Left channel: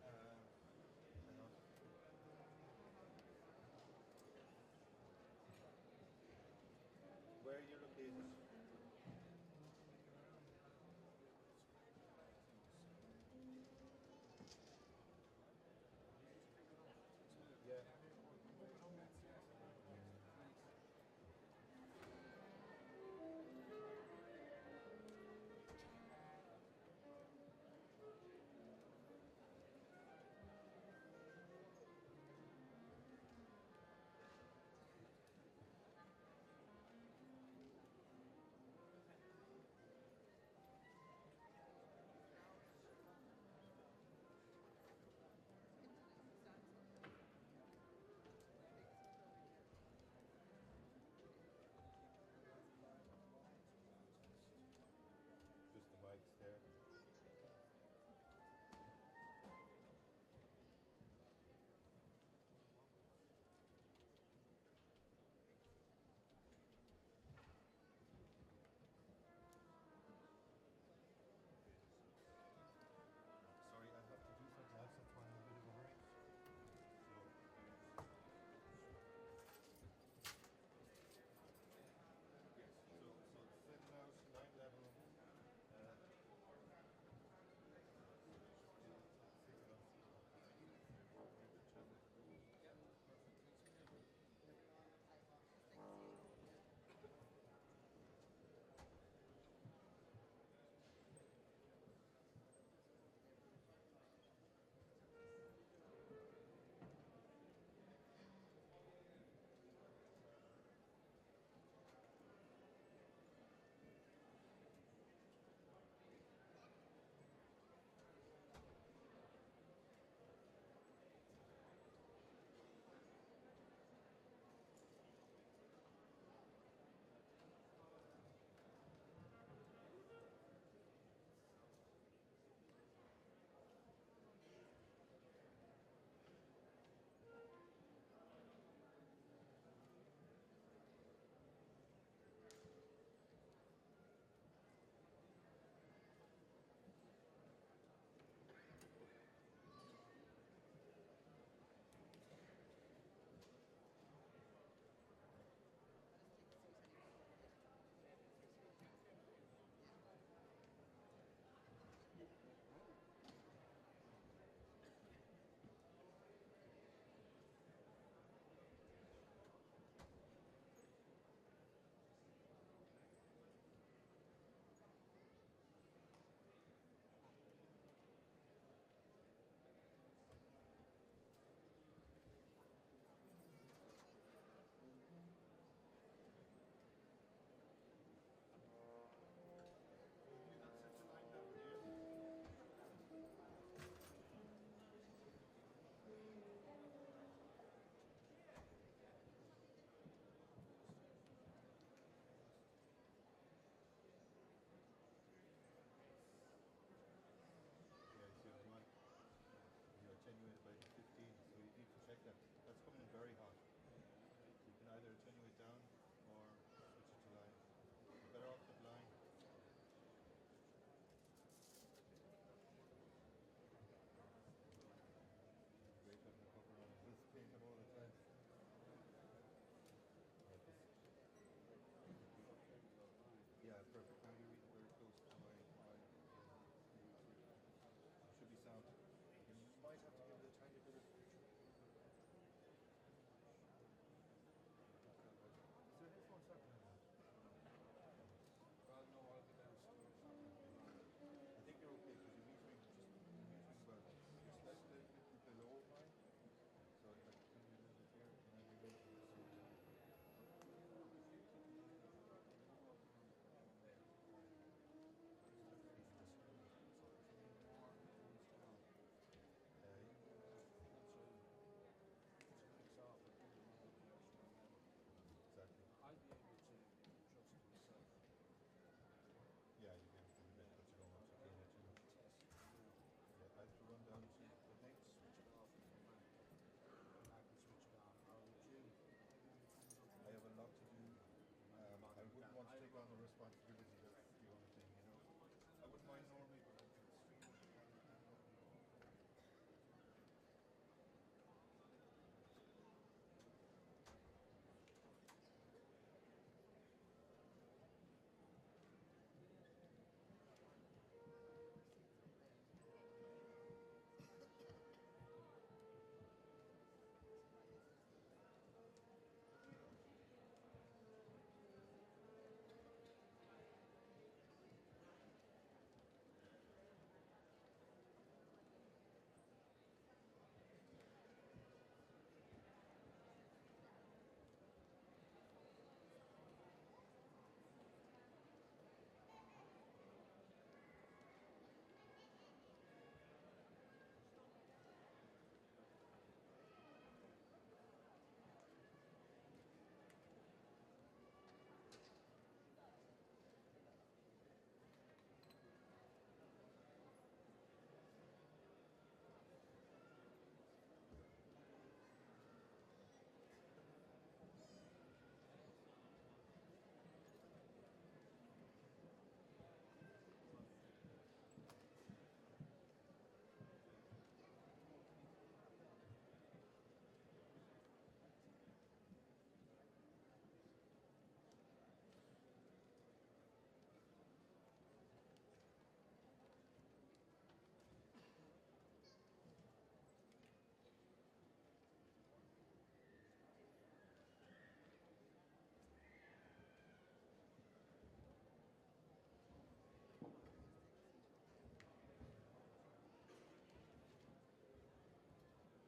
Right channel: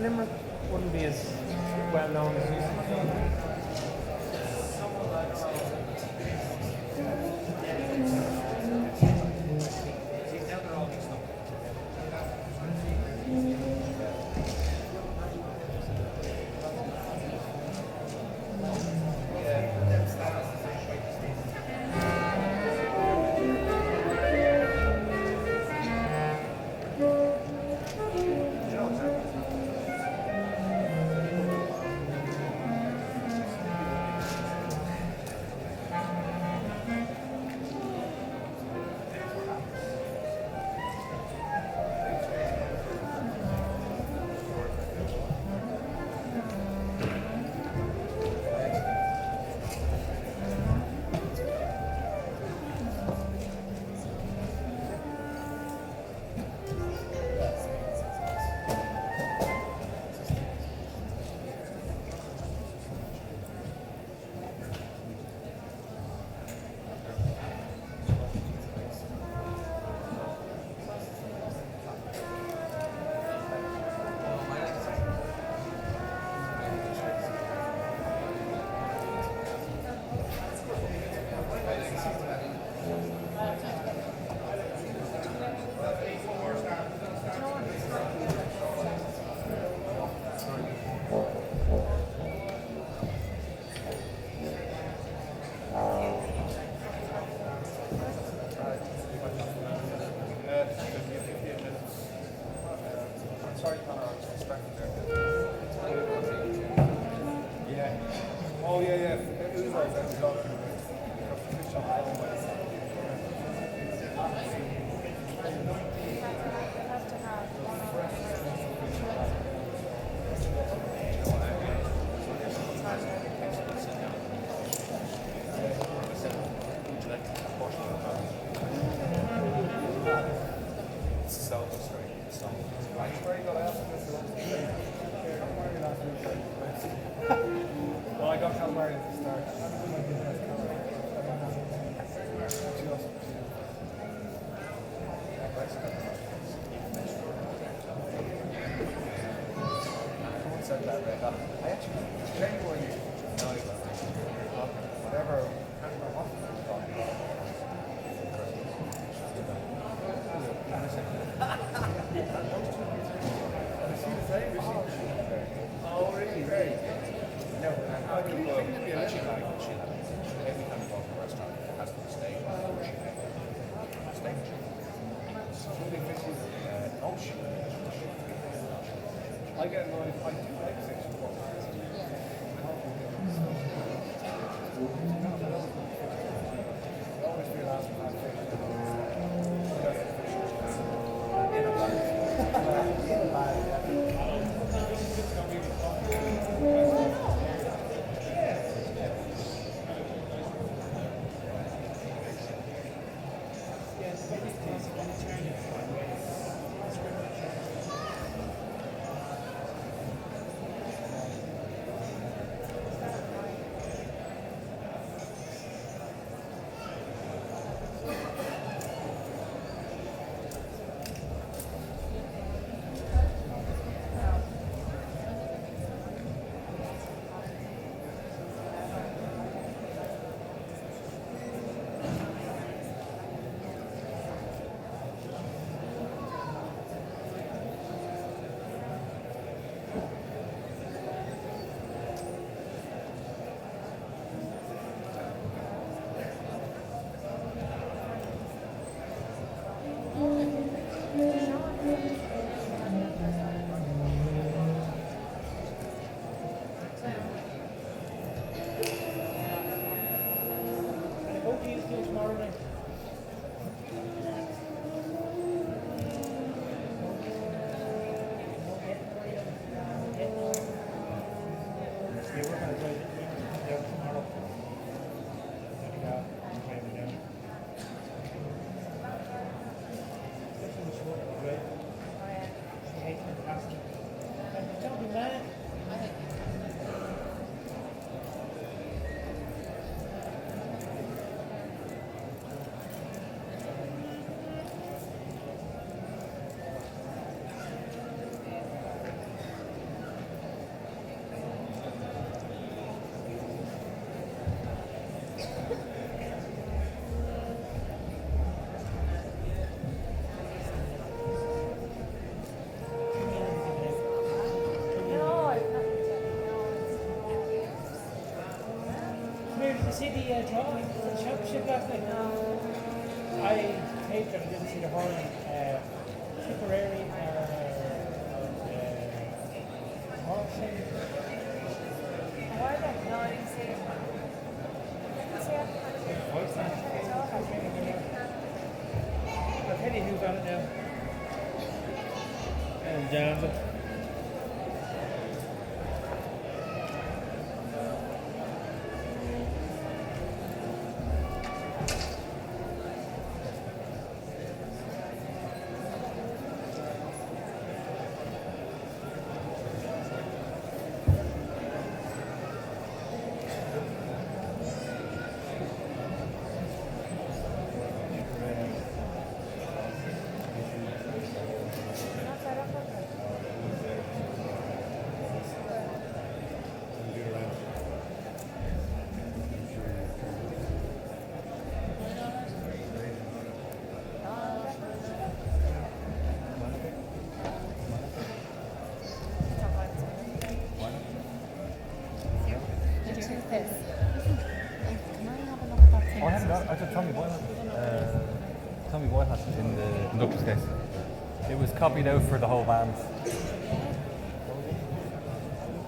Limerick wouldn't be as well known as it used to be. the championship last night? I taped it. I didn't see the hurling. Tipperary Horsham. Why not? No, I didn't see it. I'll tell you who's on it now. And jams it. Oh, I haven't got it. I thought Tommy Boyle has it in the conductor's case. It was copied out for the whole band.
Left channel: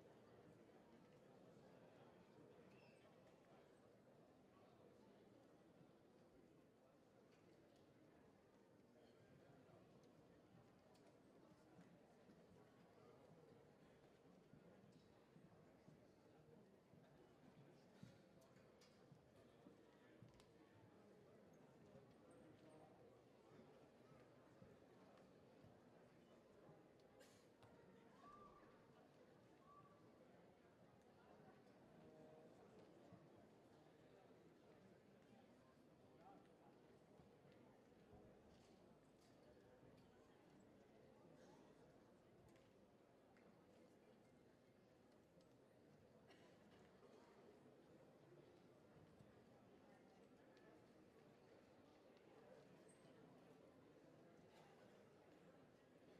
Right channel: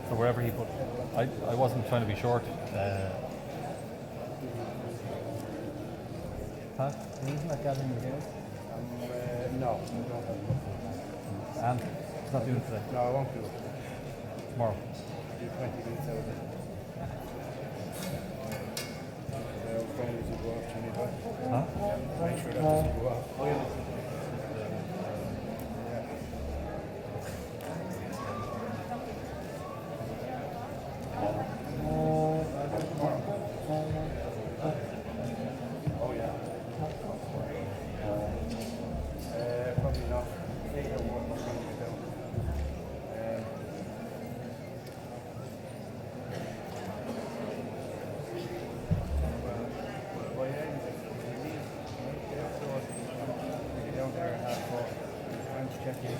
So wherever he put it. I wasn't trying to be short. Pat, isn't that gathering the games? No, I don't have enough. And it's not doing it today. No, I won't do it. Tomorrow. Do 20 minutes out of it. Phone doesn't go off, Johnny, but Huh? make sure that doesn't go off. Oh, yeah. Probably not. Later, what we're going to do. Well, yeah, you leave. So you're down there at 4:30. I'm just checking.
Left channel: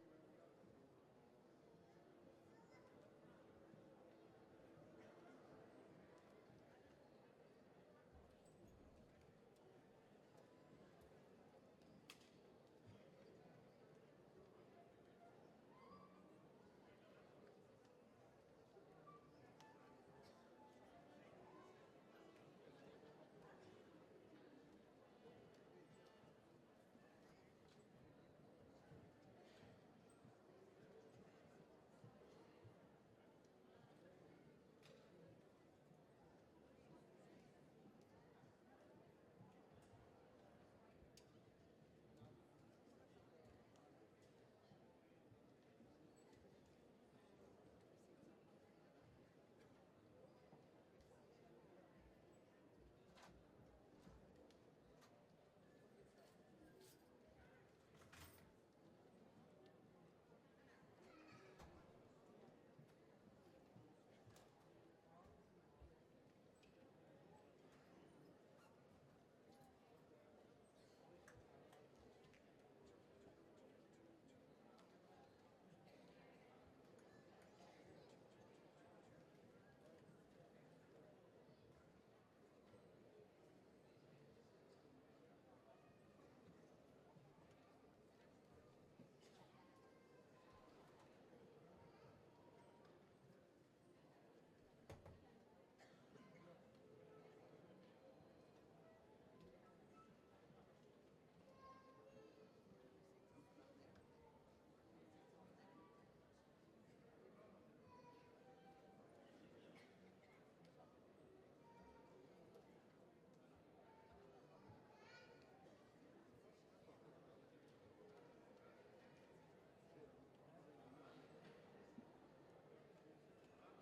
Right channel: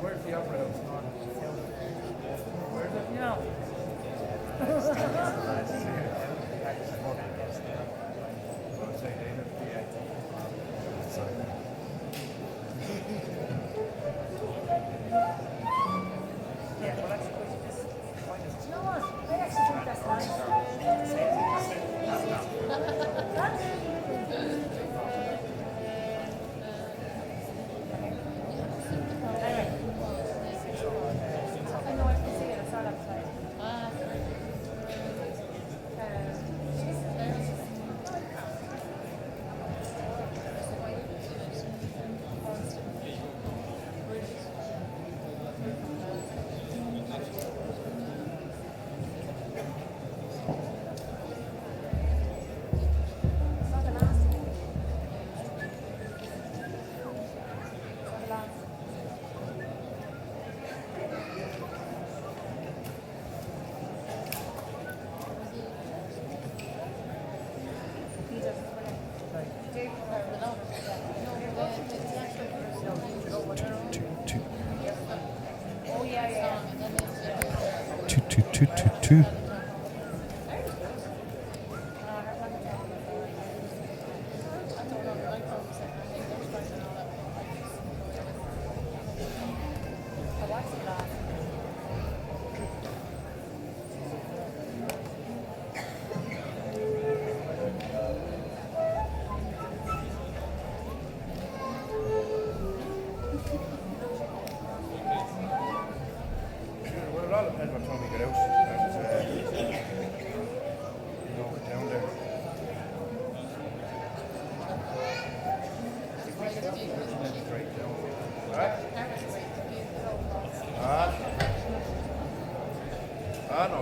Where's the opera house? Where's it? No. Yeah, well, actually, you know what? I actually think that's nice. Anyway. I know I can see it. I saw it outside. Oh, yeah, yeah. Two.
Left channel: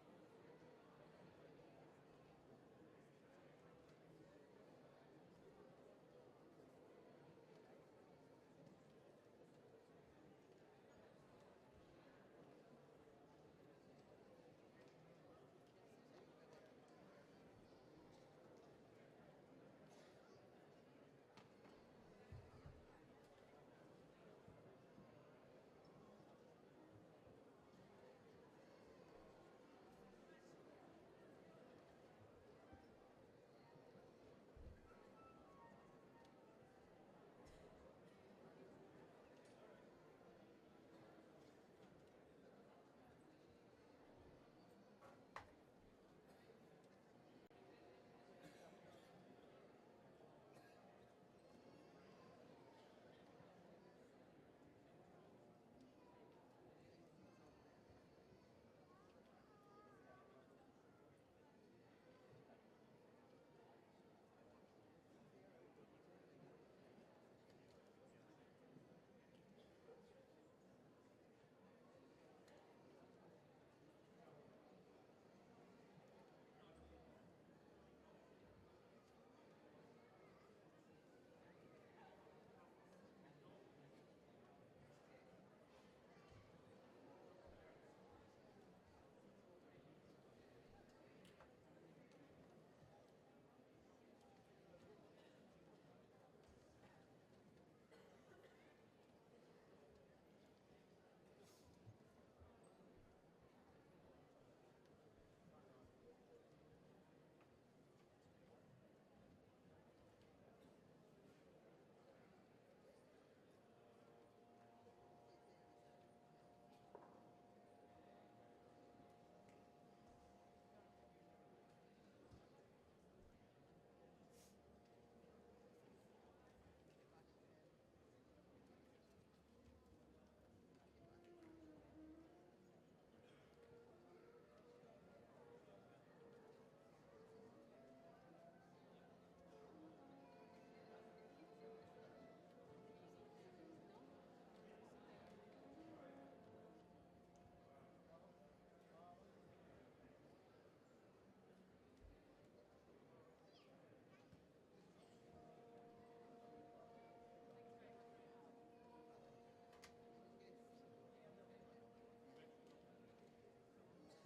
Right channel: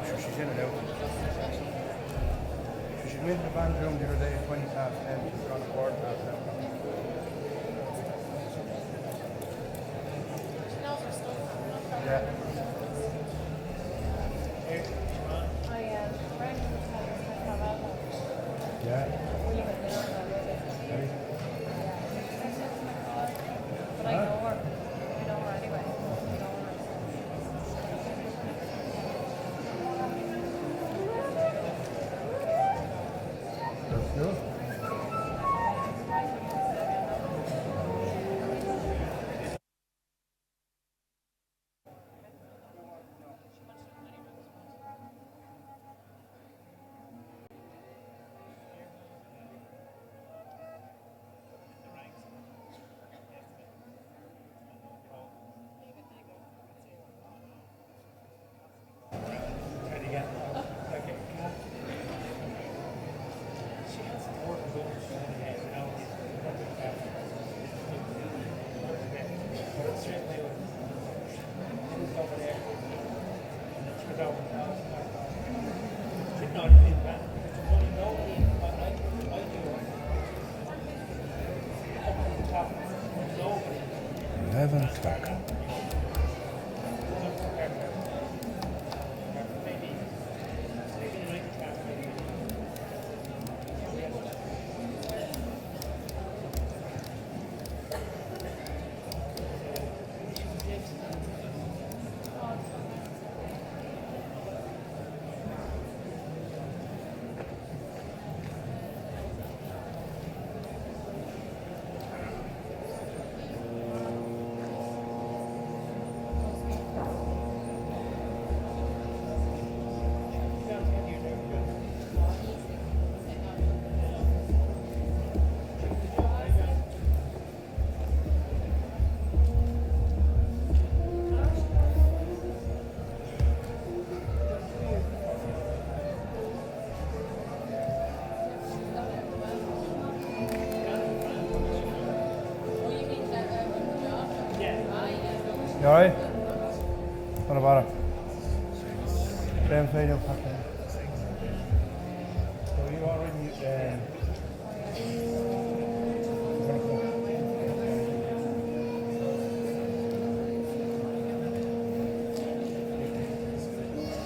sure she's in and out. She went in the band room the other day at 20 past 10. She's gone to board past 10. Yeah. Yeah. Ready? But I know her. I know her anyway. I know her. That's good. Try it again. Okay. She has to work going ahead now. Straight away. She's over there. She's over now. She's not in that. There's only nobody. I do. Up to the top. Nobody. 11 o'clock. You alright? What about it? Same thing, you'll pack it. So you already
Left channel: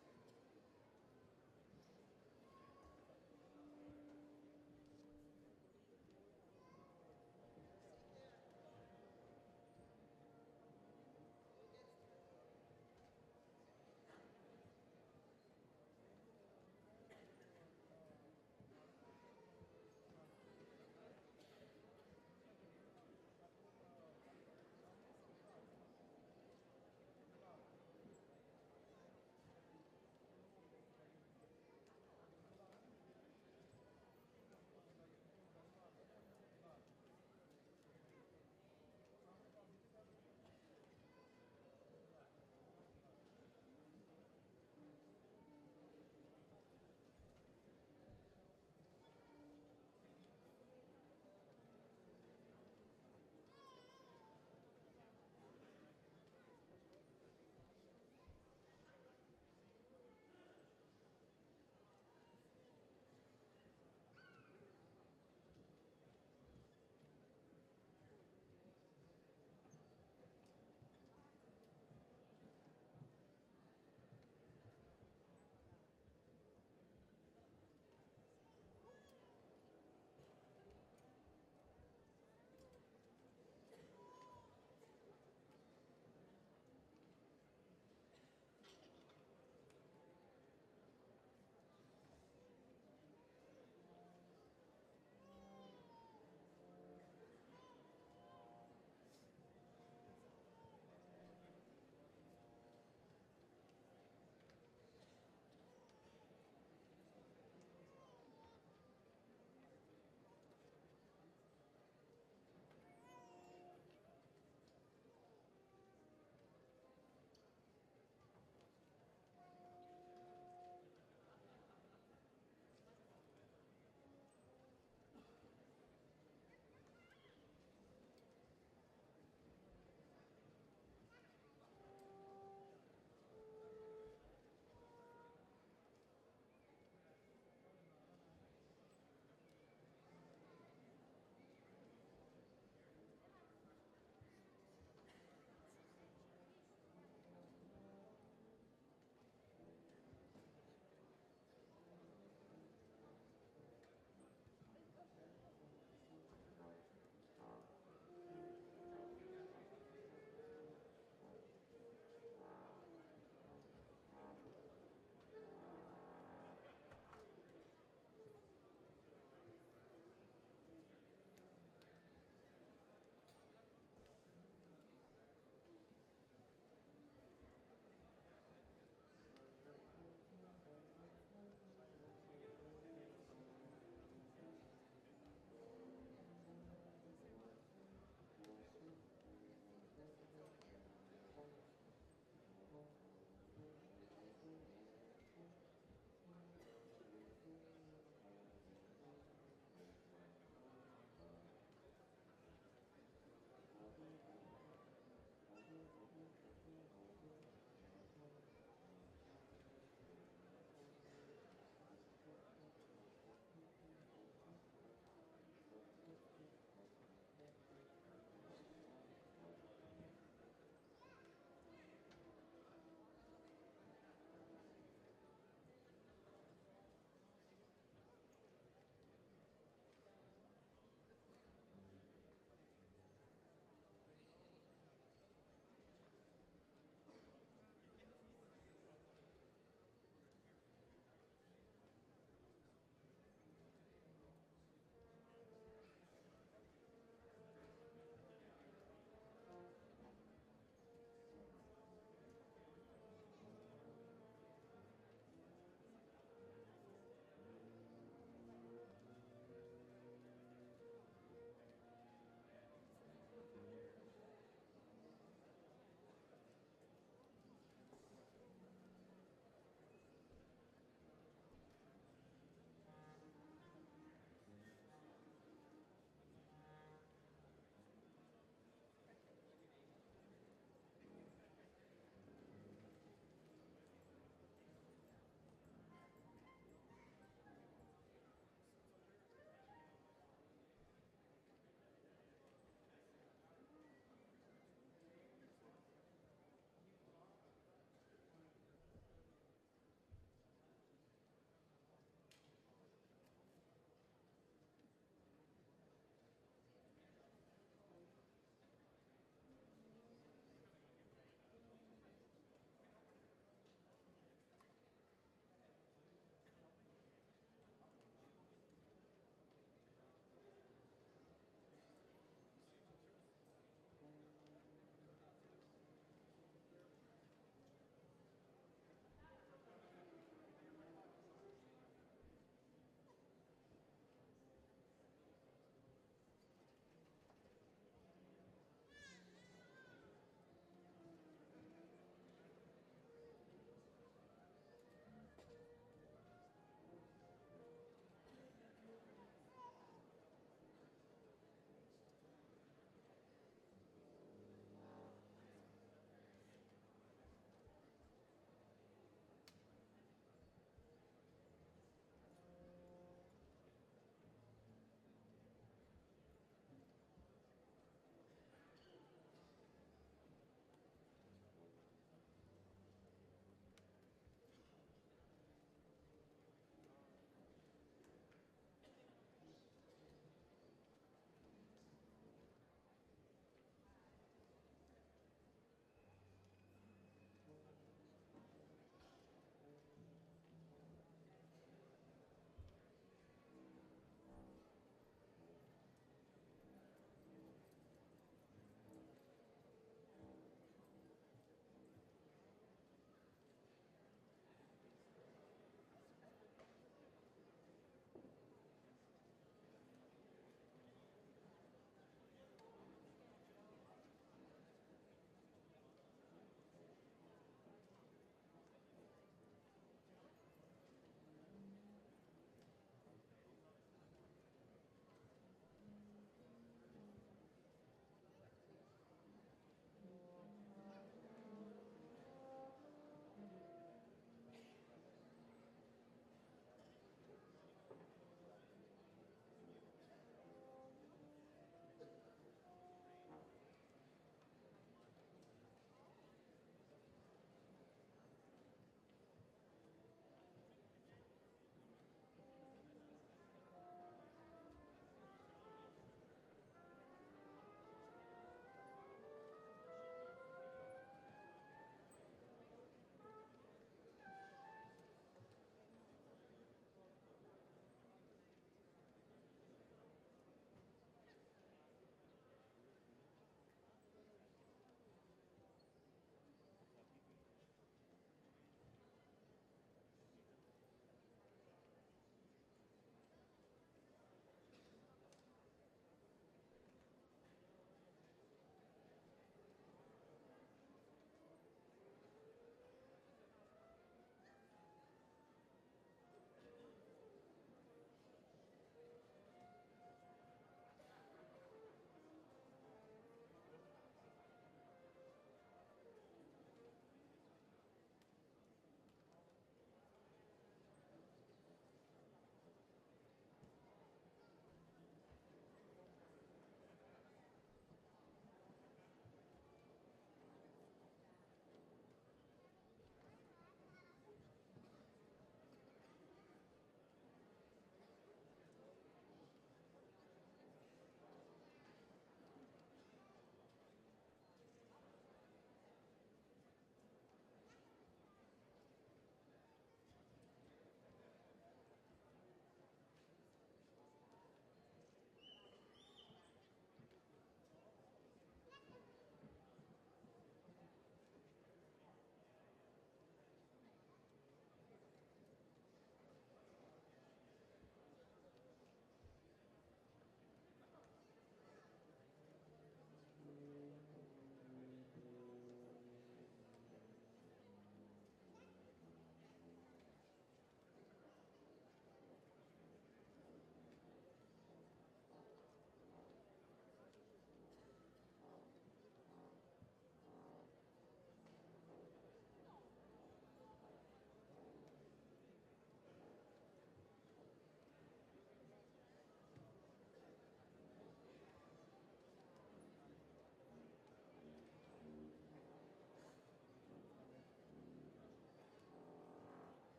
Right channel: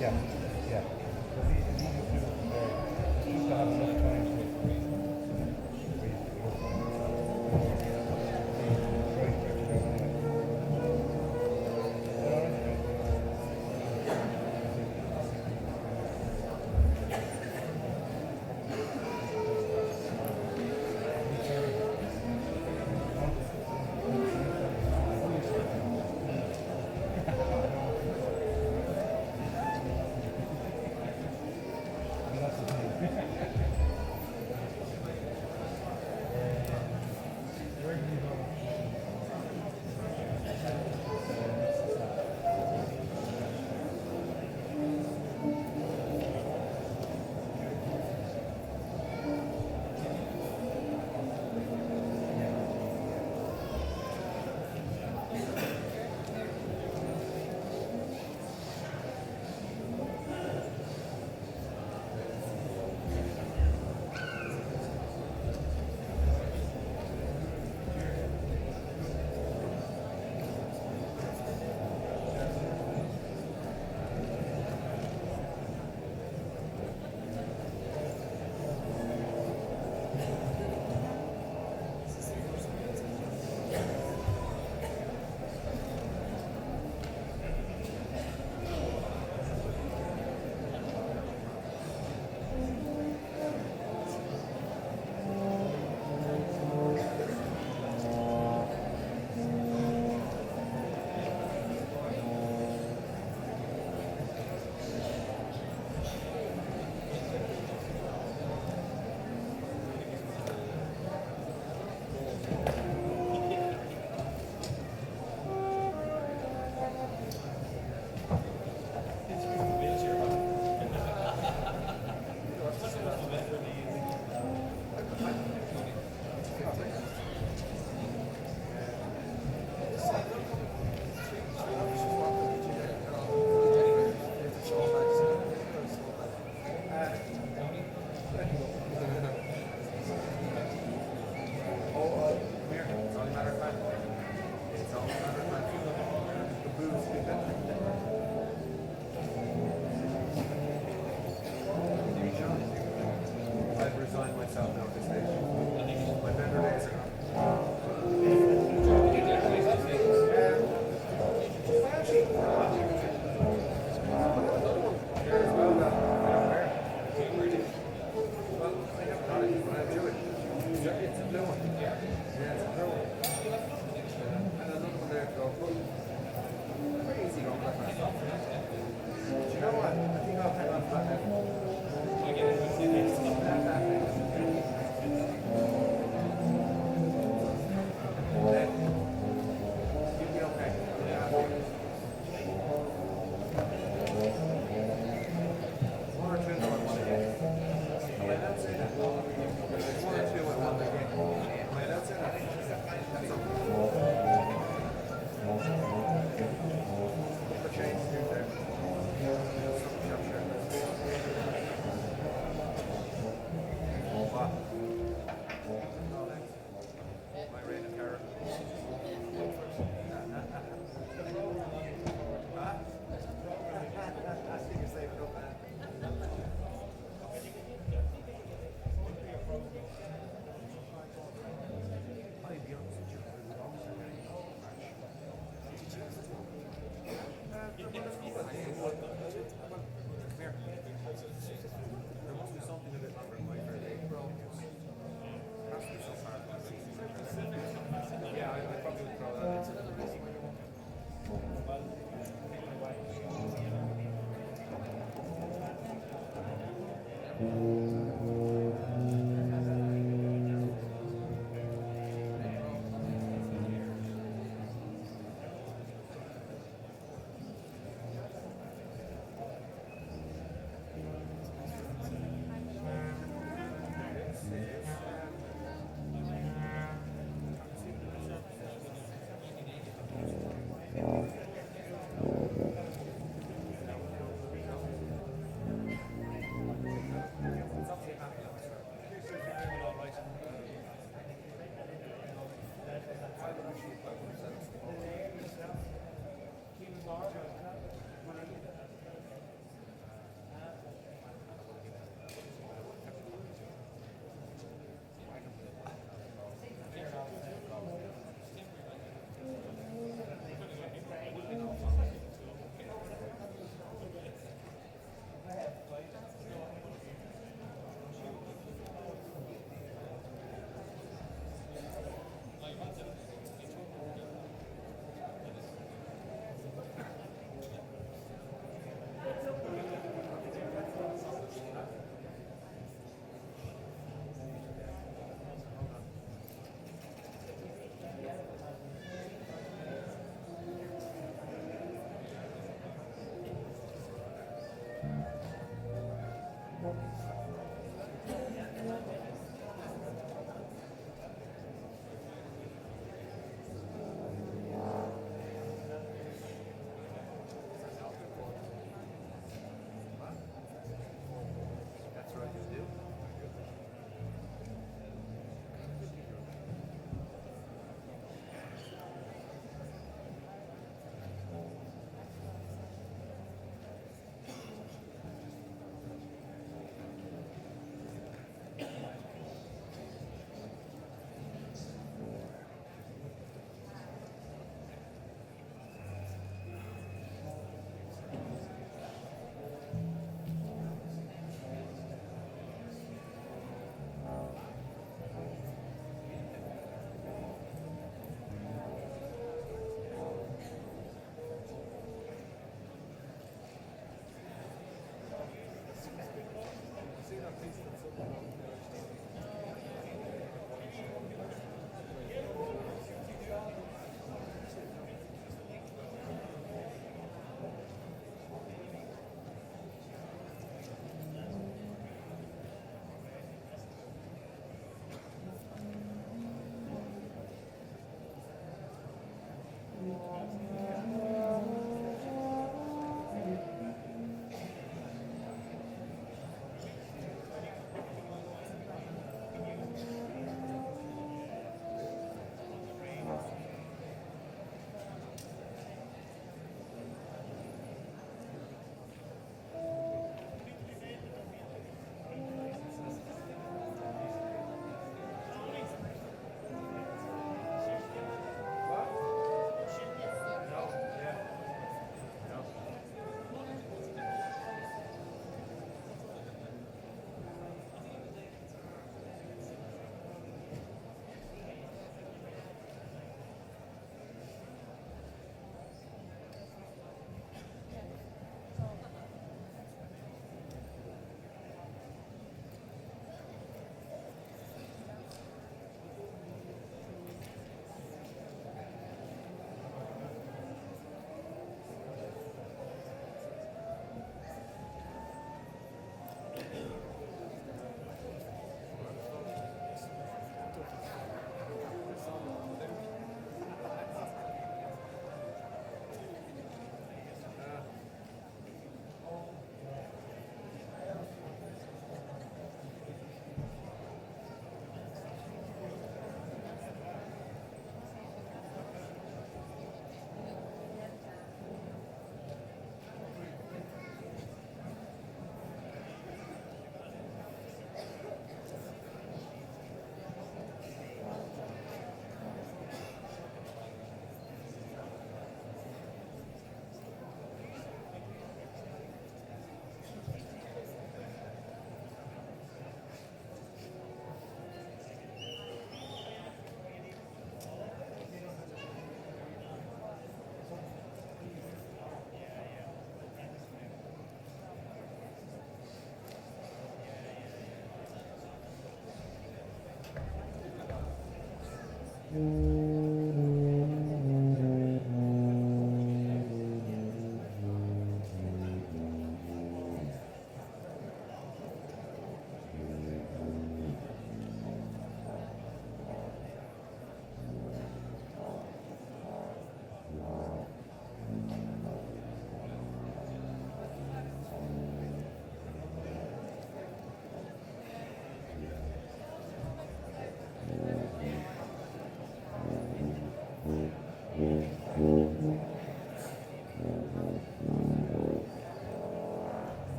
yeah, yeah. So we just do just to have enough time to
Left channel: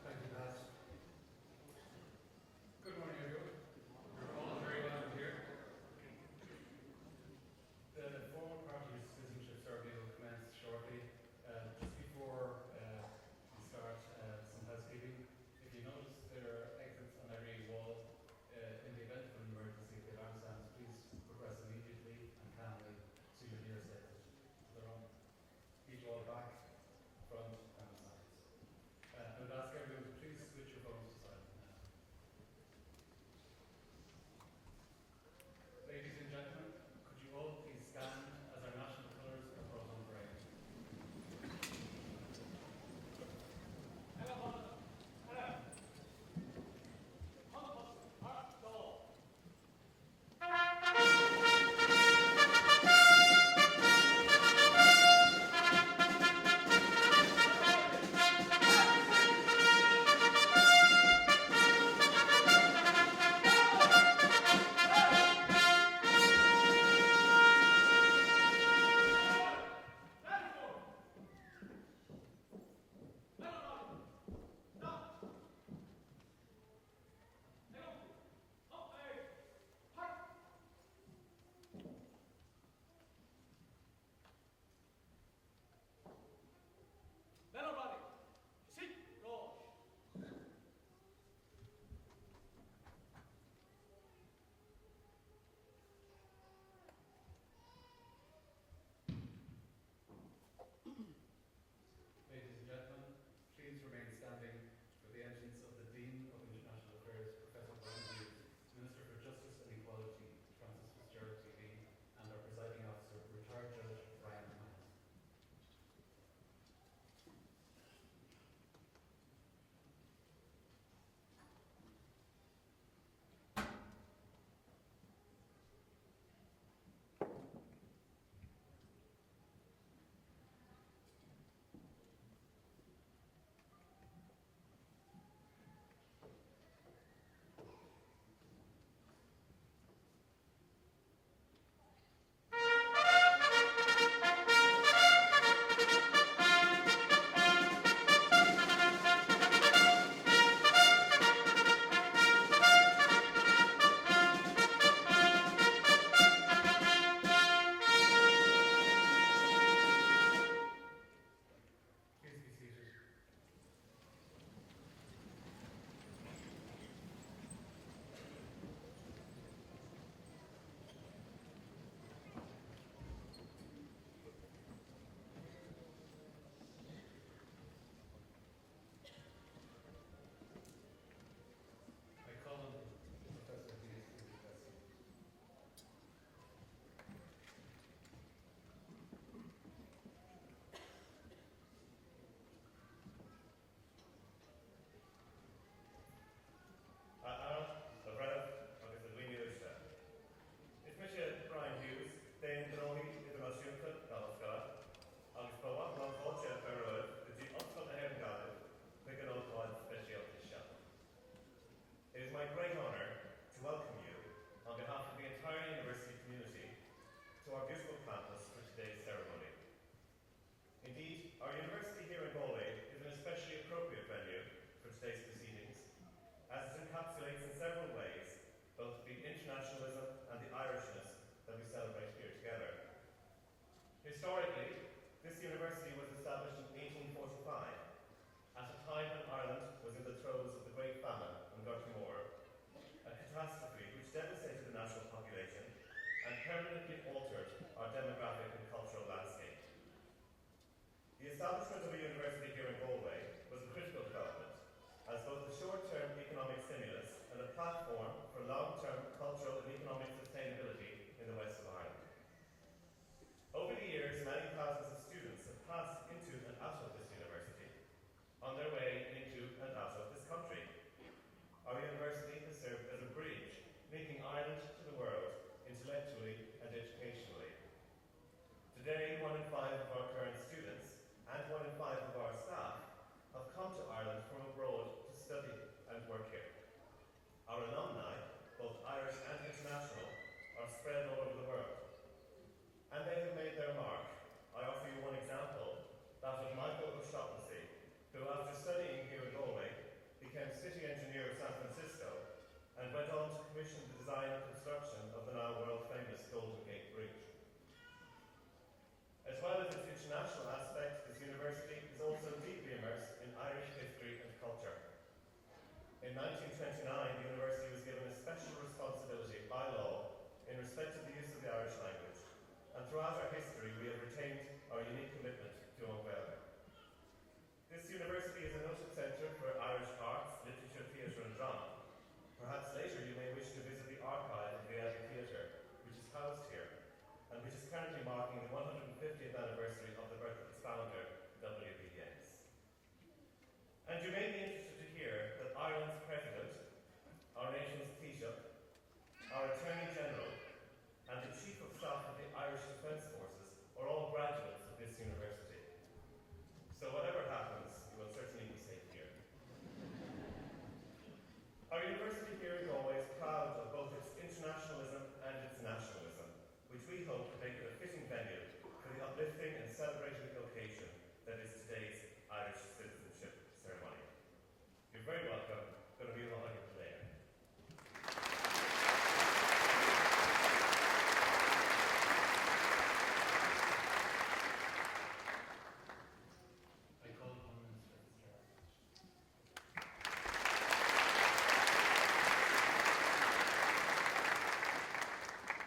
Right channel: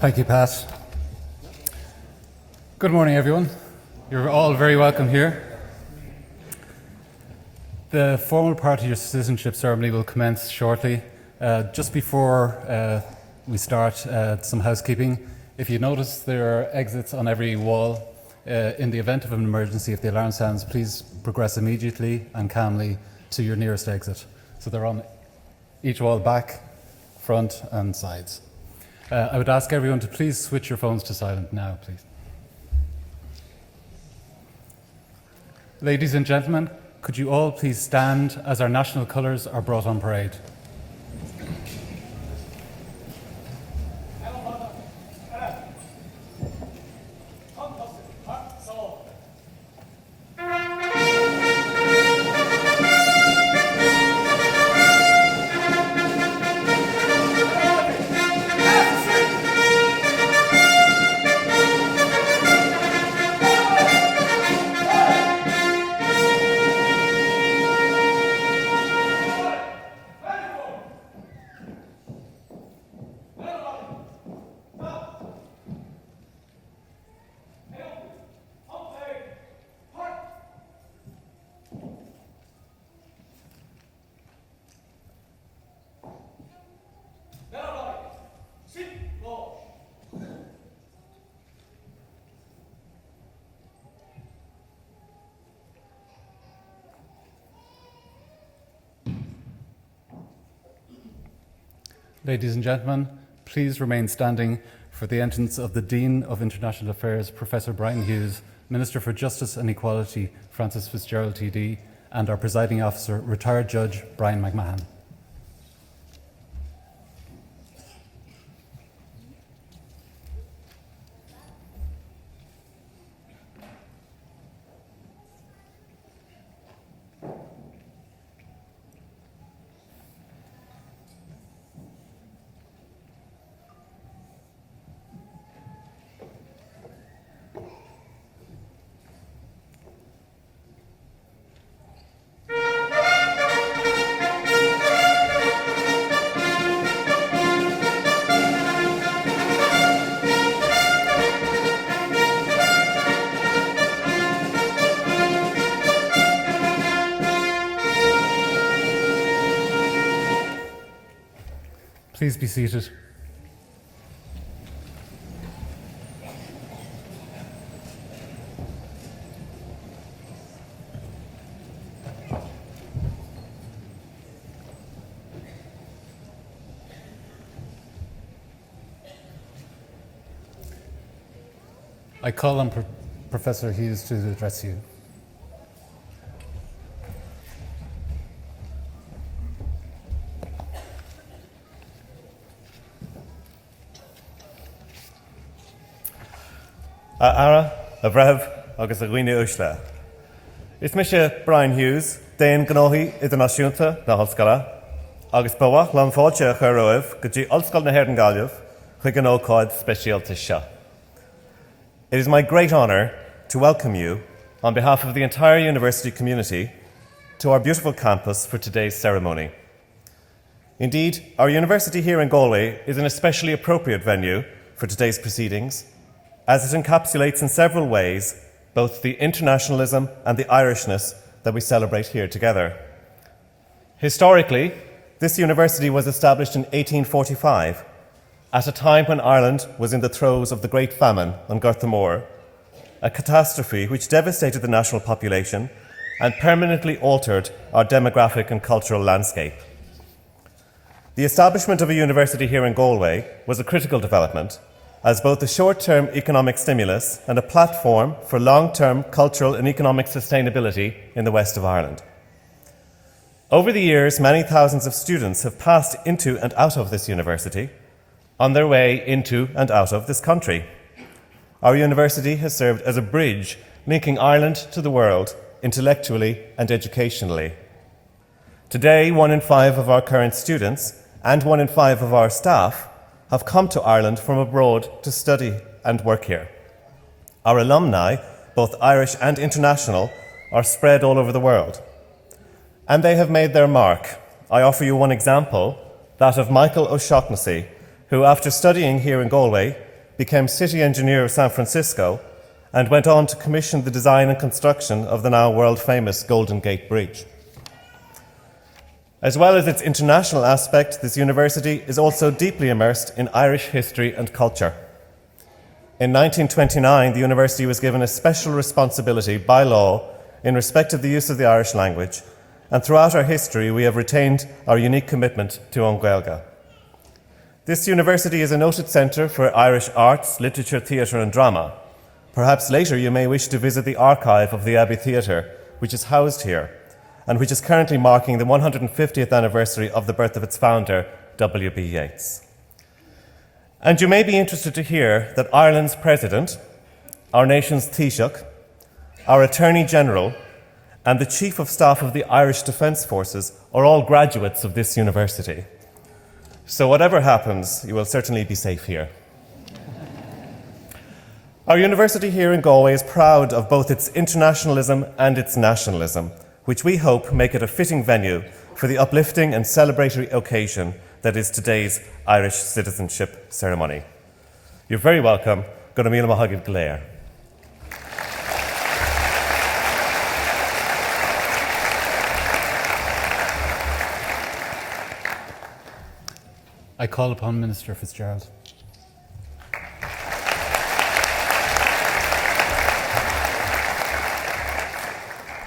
Thank you, Pat. Good morning, everyone. You're all very welcome here. The formal part of your citizenship ceremony will commence shortly. Just before we start, some housekeeping. If you notice, there are exits on every wall. In the event of an emergency, if the alarm sounds, please progress immediately and calmly to your nearest exit. So they're on each wall, back, front and sides. I would ask everyone to please switch your phones to silent now, please. Ladies and gentlemen, could you all please stand as our national colours are brought on parade? Ladies and gentlemen, please remain standing for the entrance of the Dean of International Affairs, Professor Brian Hughes, Minister for Justice and Equality, Francis Fitzgerald TD, and our presiding officer, retired Judge Brian McMahon. Please be seated. I call on Professor Hughes to address you. Ara, a bhreh, agus a ghuine uisle. Is me se Brian Hughes, déan gnóthaí idirnáisiúnta na hallscoile, agus bawach lan fáilte a chur roimh go dtí ollscoil na hÉireann Gaillimh chuig an ócáid speisialta seo. It is my great honour to welcome you, on behalf of the entire university community, to our beautiful campus for today's ceremony. Indeed, our university here in Galway is an especially appropriate venue for today's proceedings, as it encapsulates in several ways both the internationalism and the Irishness that we celebrate here together. Historically, this university was established in 1845, at a time when Ireland was in the throes of the Great Famine on Garthamore, a catastrophe which devastated the national population and permanently altered our demographic and cultural landscape. The establishment of a university here in Galway was a critical development, as both a short-term economic stimulus and a platform for long-term cultural and economic sustainability in the west of Ireland. Over the years, many thousands of students have passed into and out of this university, on their way into and out of this country. Our university has served as a bridge linking Ireland to the world intellectually and educationally. Today, 1 in 5 of our current students and 1 in 5 of our staff have come to Ireland from abroad to study and work here. Our alumni, both Irish and international, are spread all over the world. And they have made their mark. I offer you one example, that of Michael O'Shaughnessy, who, after studying here in Galway, became city engineer of San Francisco and went on to commission the design and construction of the now world-famous Golden Gate Bridge. As well as its international aspect, this university is also deeply immersed in Irish history and culture. In 1929, the university was given a special responsibility by law in respect of the use of the Irish language, and throughout our history we have retained our unique commitment to An Gaeilge. This university is a noted centre for Irish arts, literature, theatre and drama. Perhaps later you may wish to visit the archive of the Abbey Theatre, which is housed here, and which is currently marking the 150th anniversary of the birth of its founder, W.B. Yeats. And you may be interested to hear that Ireland's President, our nation's Taoiseach, our Attorney General, and the Chief of Staff of the Irish Defence Forces are all graduates of this university. So whatever happens, you will certainly be safe here. Our university here in Galway is proud of both its internationalism and its nationalism, which we hope make it a fitting venue for the uplifting and celebratory occasion that is today's Irish citizenship ceremony. You're very welcome. Go to Míle Maithagibh Glair. I call upon Minister Fitzgerald.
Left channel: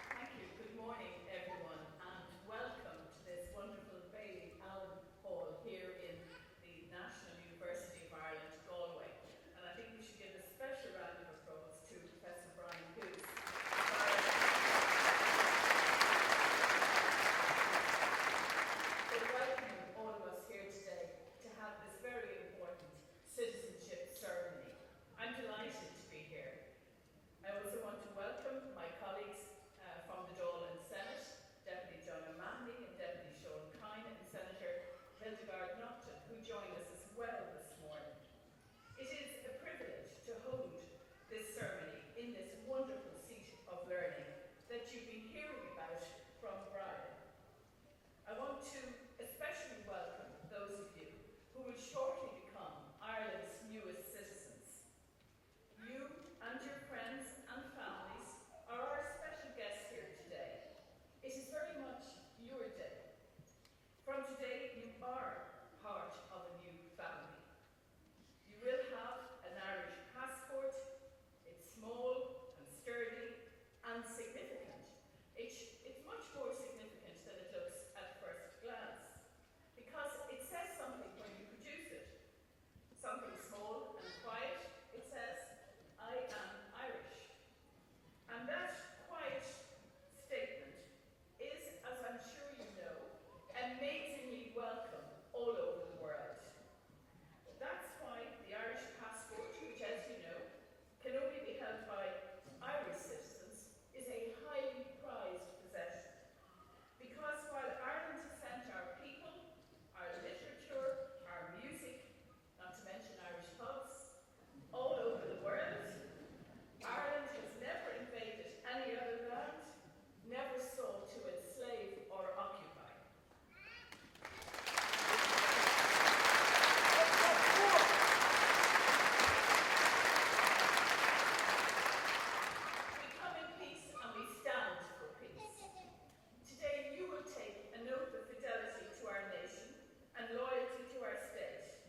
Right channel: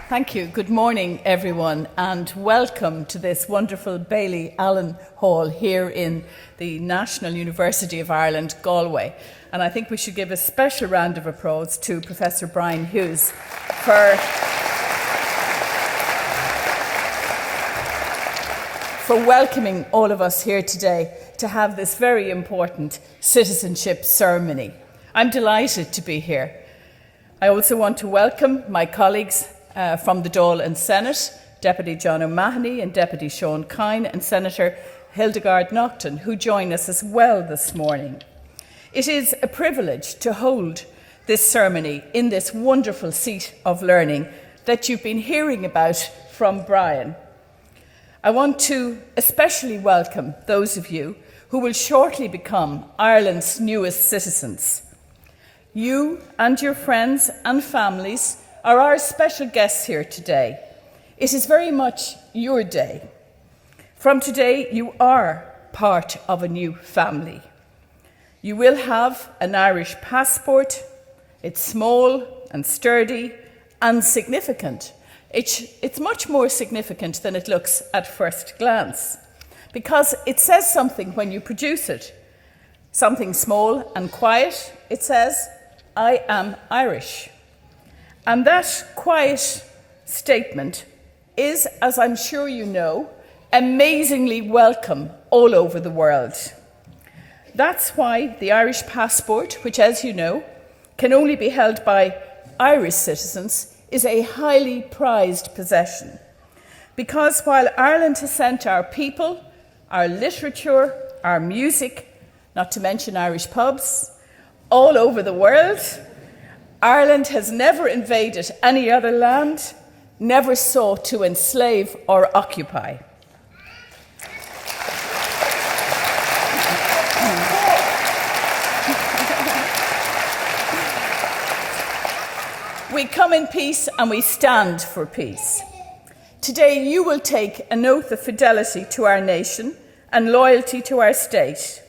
Thank you. Good morning, everyone, and welcome to this wonderful Bailey Allen Hall here in the National University of Ireland, Galway. And I think we should give a special round of applause to Professor Brian Hughes for welcoming all of us here today to have this very important citizenship ceremony. I'm delighted to be here. I also want to welcome my colleagues from the Dáil and Senate, Deputy John O'Mahony and Deputy Sean Kine and Senator Hildegard Naughton, who join us as well this morning. It is a privilege to hold this ceremony in this wonderful seat of learning that you've been hearing about from Brian. I want to especially welcome those of you who will shortly become Ireland's newest citizens. You and your friends and families are our special guests here today. It is very much your day. From today, you are part of a new family. You will have an Irish passport. It's small and sturdy and significant. It's much more significant than it looks at first glance, because it says something when you produce it. Something small and quiet. It says, "I am Irish." And that quiet statement is, as I'm sure you know, amazingly welcome all over the world. That's why the Irish passport, which, as you know, can only be held by Irish citizens, is a highly prized possession. Because while Ireland has sent our people, our literature, our music, not to mention Irish pubs, all over the world, Ireland has never invaded any other land, never sought to enslave or occupy. We come in peace and we stand for peace. Today you will take an oath of fidelity to our nation and loyalty to our state.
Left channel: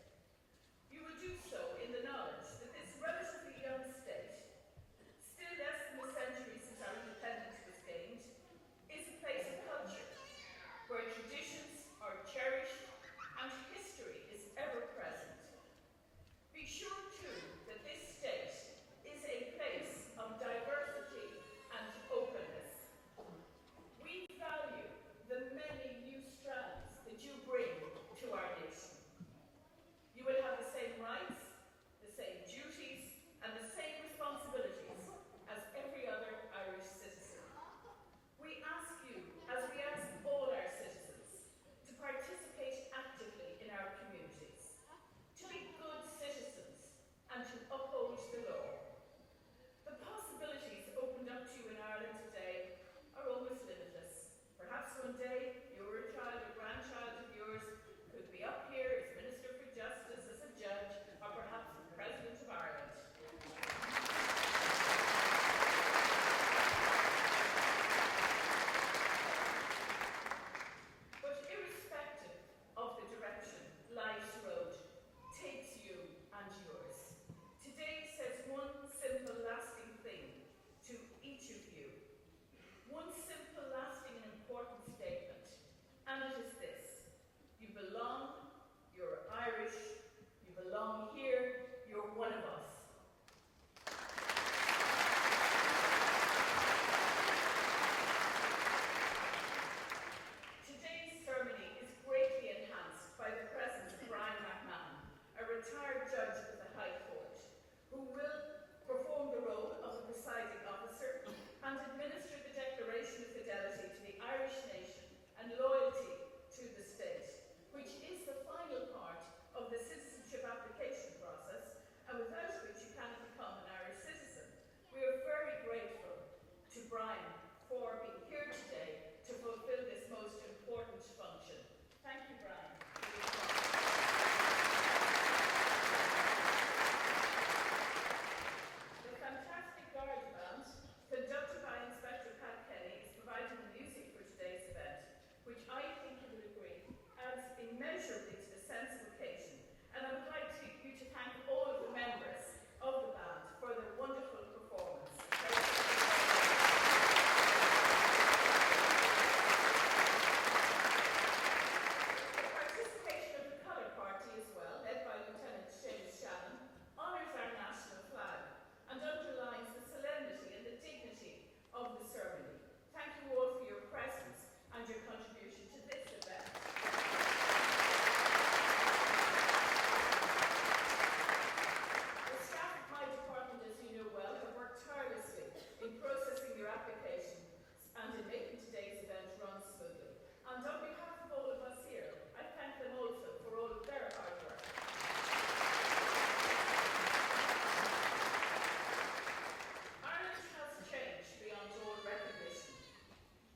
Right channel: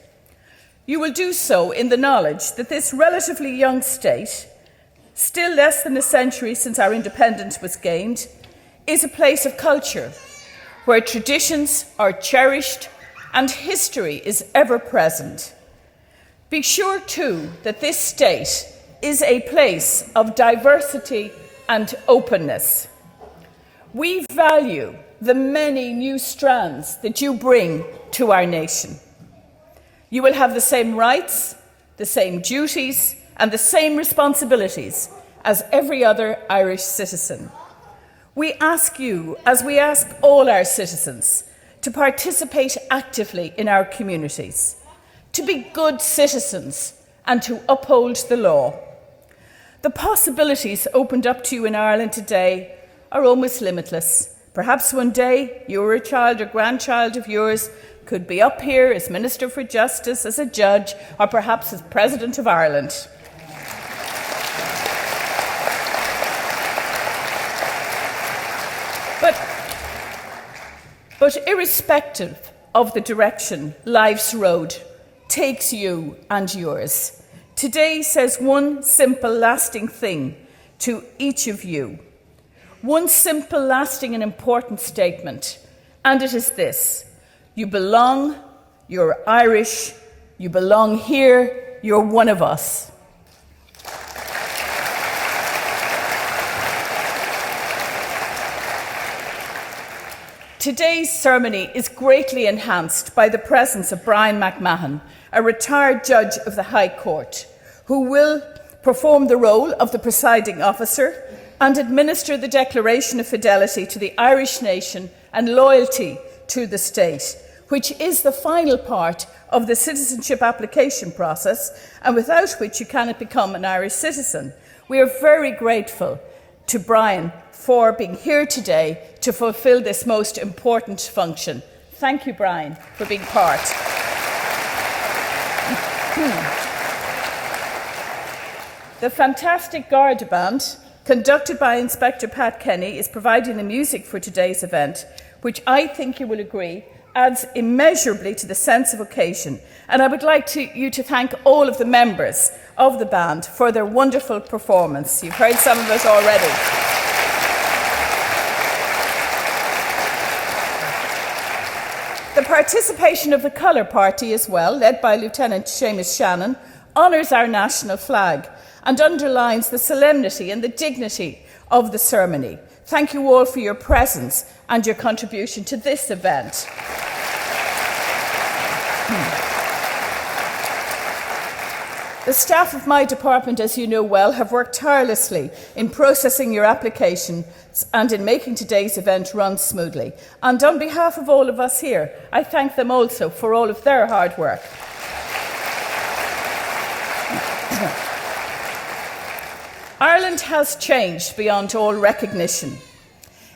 You will do so in the knowledge that this relatively young state, still less than a century since our independence was gained, is a place of culture where traditions are cherished and history is ever present. Be sure too that this state is a place of diversity and openness. We value the many new strands that you bring to our nation. You will have the same rights, the same duties, and the same responsibilities as every other Irish citizen. We ask you, as we ask all our citizens, to participate actively in our communities, to be good citizens and to uphold the law. The possibilities opened up to you in Ireland today are almost limitless. Perhaps one day you or a child or grandchild of yours could be up here as Minister for Justice, as a judge, or perhaps as President of Ireland. But irrespective of the direction life's road takes you and yours, today says one simple, lasting thing to each of you. One simple, lasting and important statement, and it is this: you belong, you're Irish, you belong here, you're one of us. Today's ceremony is greatly enhanced by the presence of Brian McMahon, a retired judge of the High Court, who will perform the role of the presiding officer and administer the declaration of fidelity to the Irish nation and loyalty to the state, which is the final part of the citizenship application process, and without which you cannot become an Irish citizen. We are very grateful to Brian for being here today to fulfil this most important function. Thank you, Brian, for being part. The fantastic Garda Band, conducted by Inspector Pat Kenny, is providing the music for today's event, which I think you will agree adds immeasurably to the sense of occasion. And I would like you to thank all of the members of the band for their wonderful performance. You've heard some of it already. The participation of the Colour Party as well, led by Lieutenant Seamus Shannon, honours our national flag and underlines the solemnity and the dignity of the ceremony. Thank you all for your presence and your contribution to this event. The staff of my department, as you know well, have worked tirelessly in processing your applications and in making today's event run smoothly. And on behalf of all of us here, I thank them also for all of their hard work. Ireland has changed beyond all recognition.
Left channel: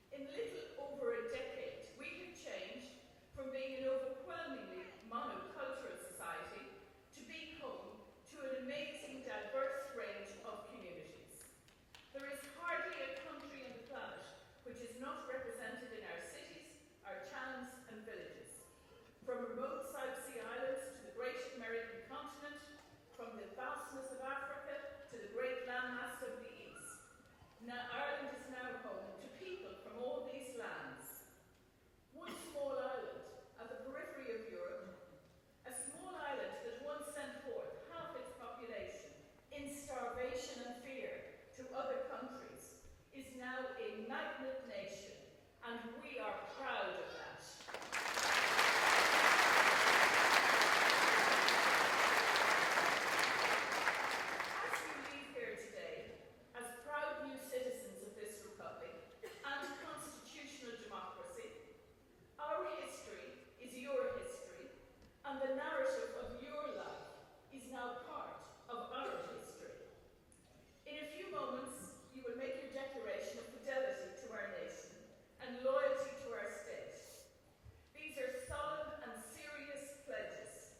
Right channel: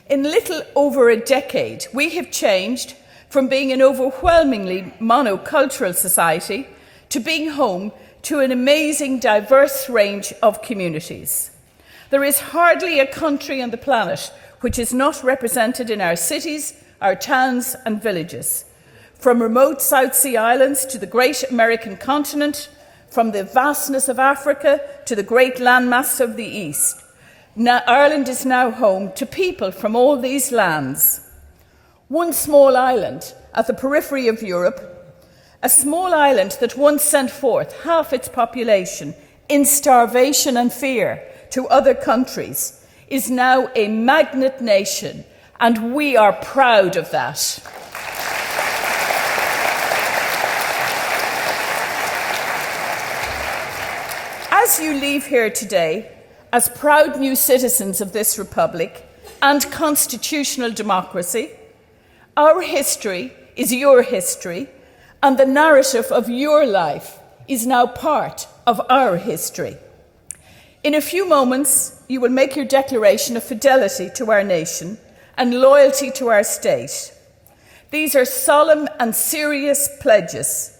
In little over a decade, we have changed from being an overwhelmingly monocultural society to being home to an amazing, diverse range of communities. There is hardly a country on the planet which is not represented in our cities, our towns and villages. From remote South Sea islands to the great American continent, from the vastness of Africa to the great landmass of the East, Ireland is now home to people from all these lands. One small island at the periphery of Europe, a small island that once sent forth half its population in starvation and fear to other countries, is now a magnet nation, and we are proud of that. As you leave here today, as proud new citizens of this republic and constitutional democracy, our history is your history, and the narrative of your life is now part of our history. In a few moments, you will make your declaration of fidelity to our nation and loyalty to our state. These are solemn and serious pledges,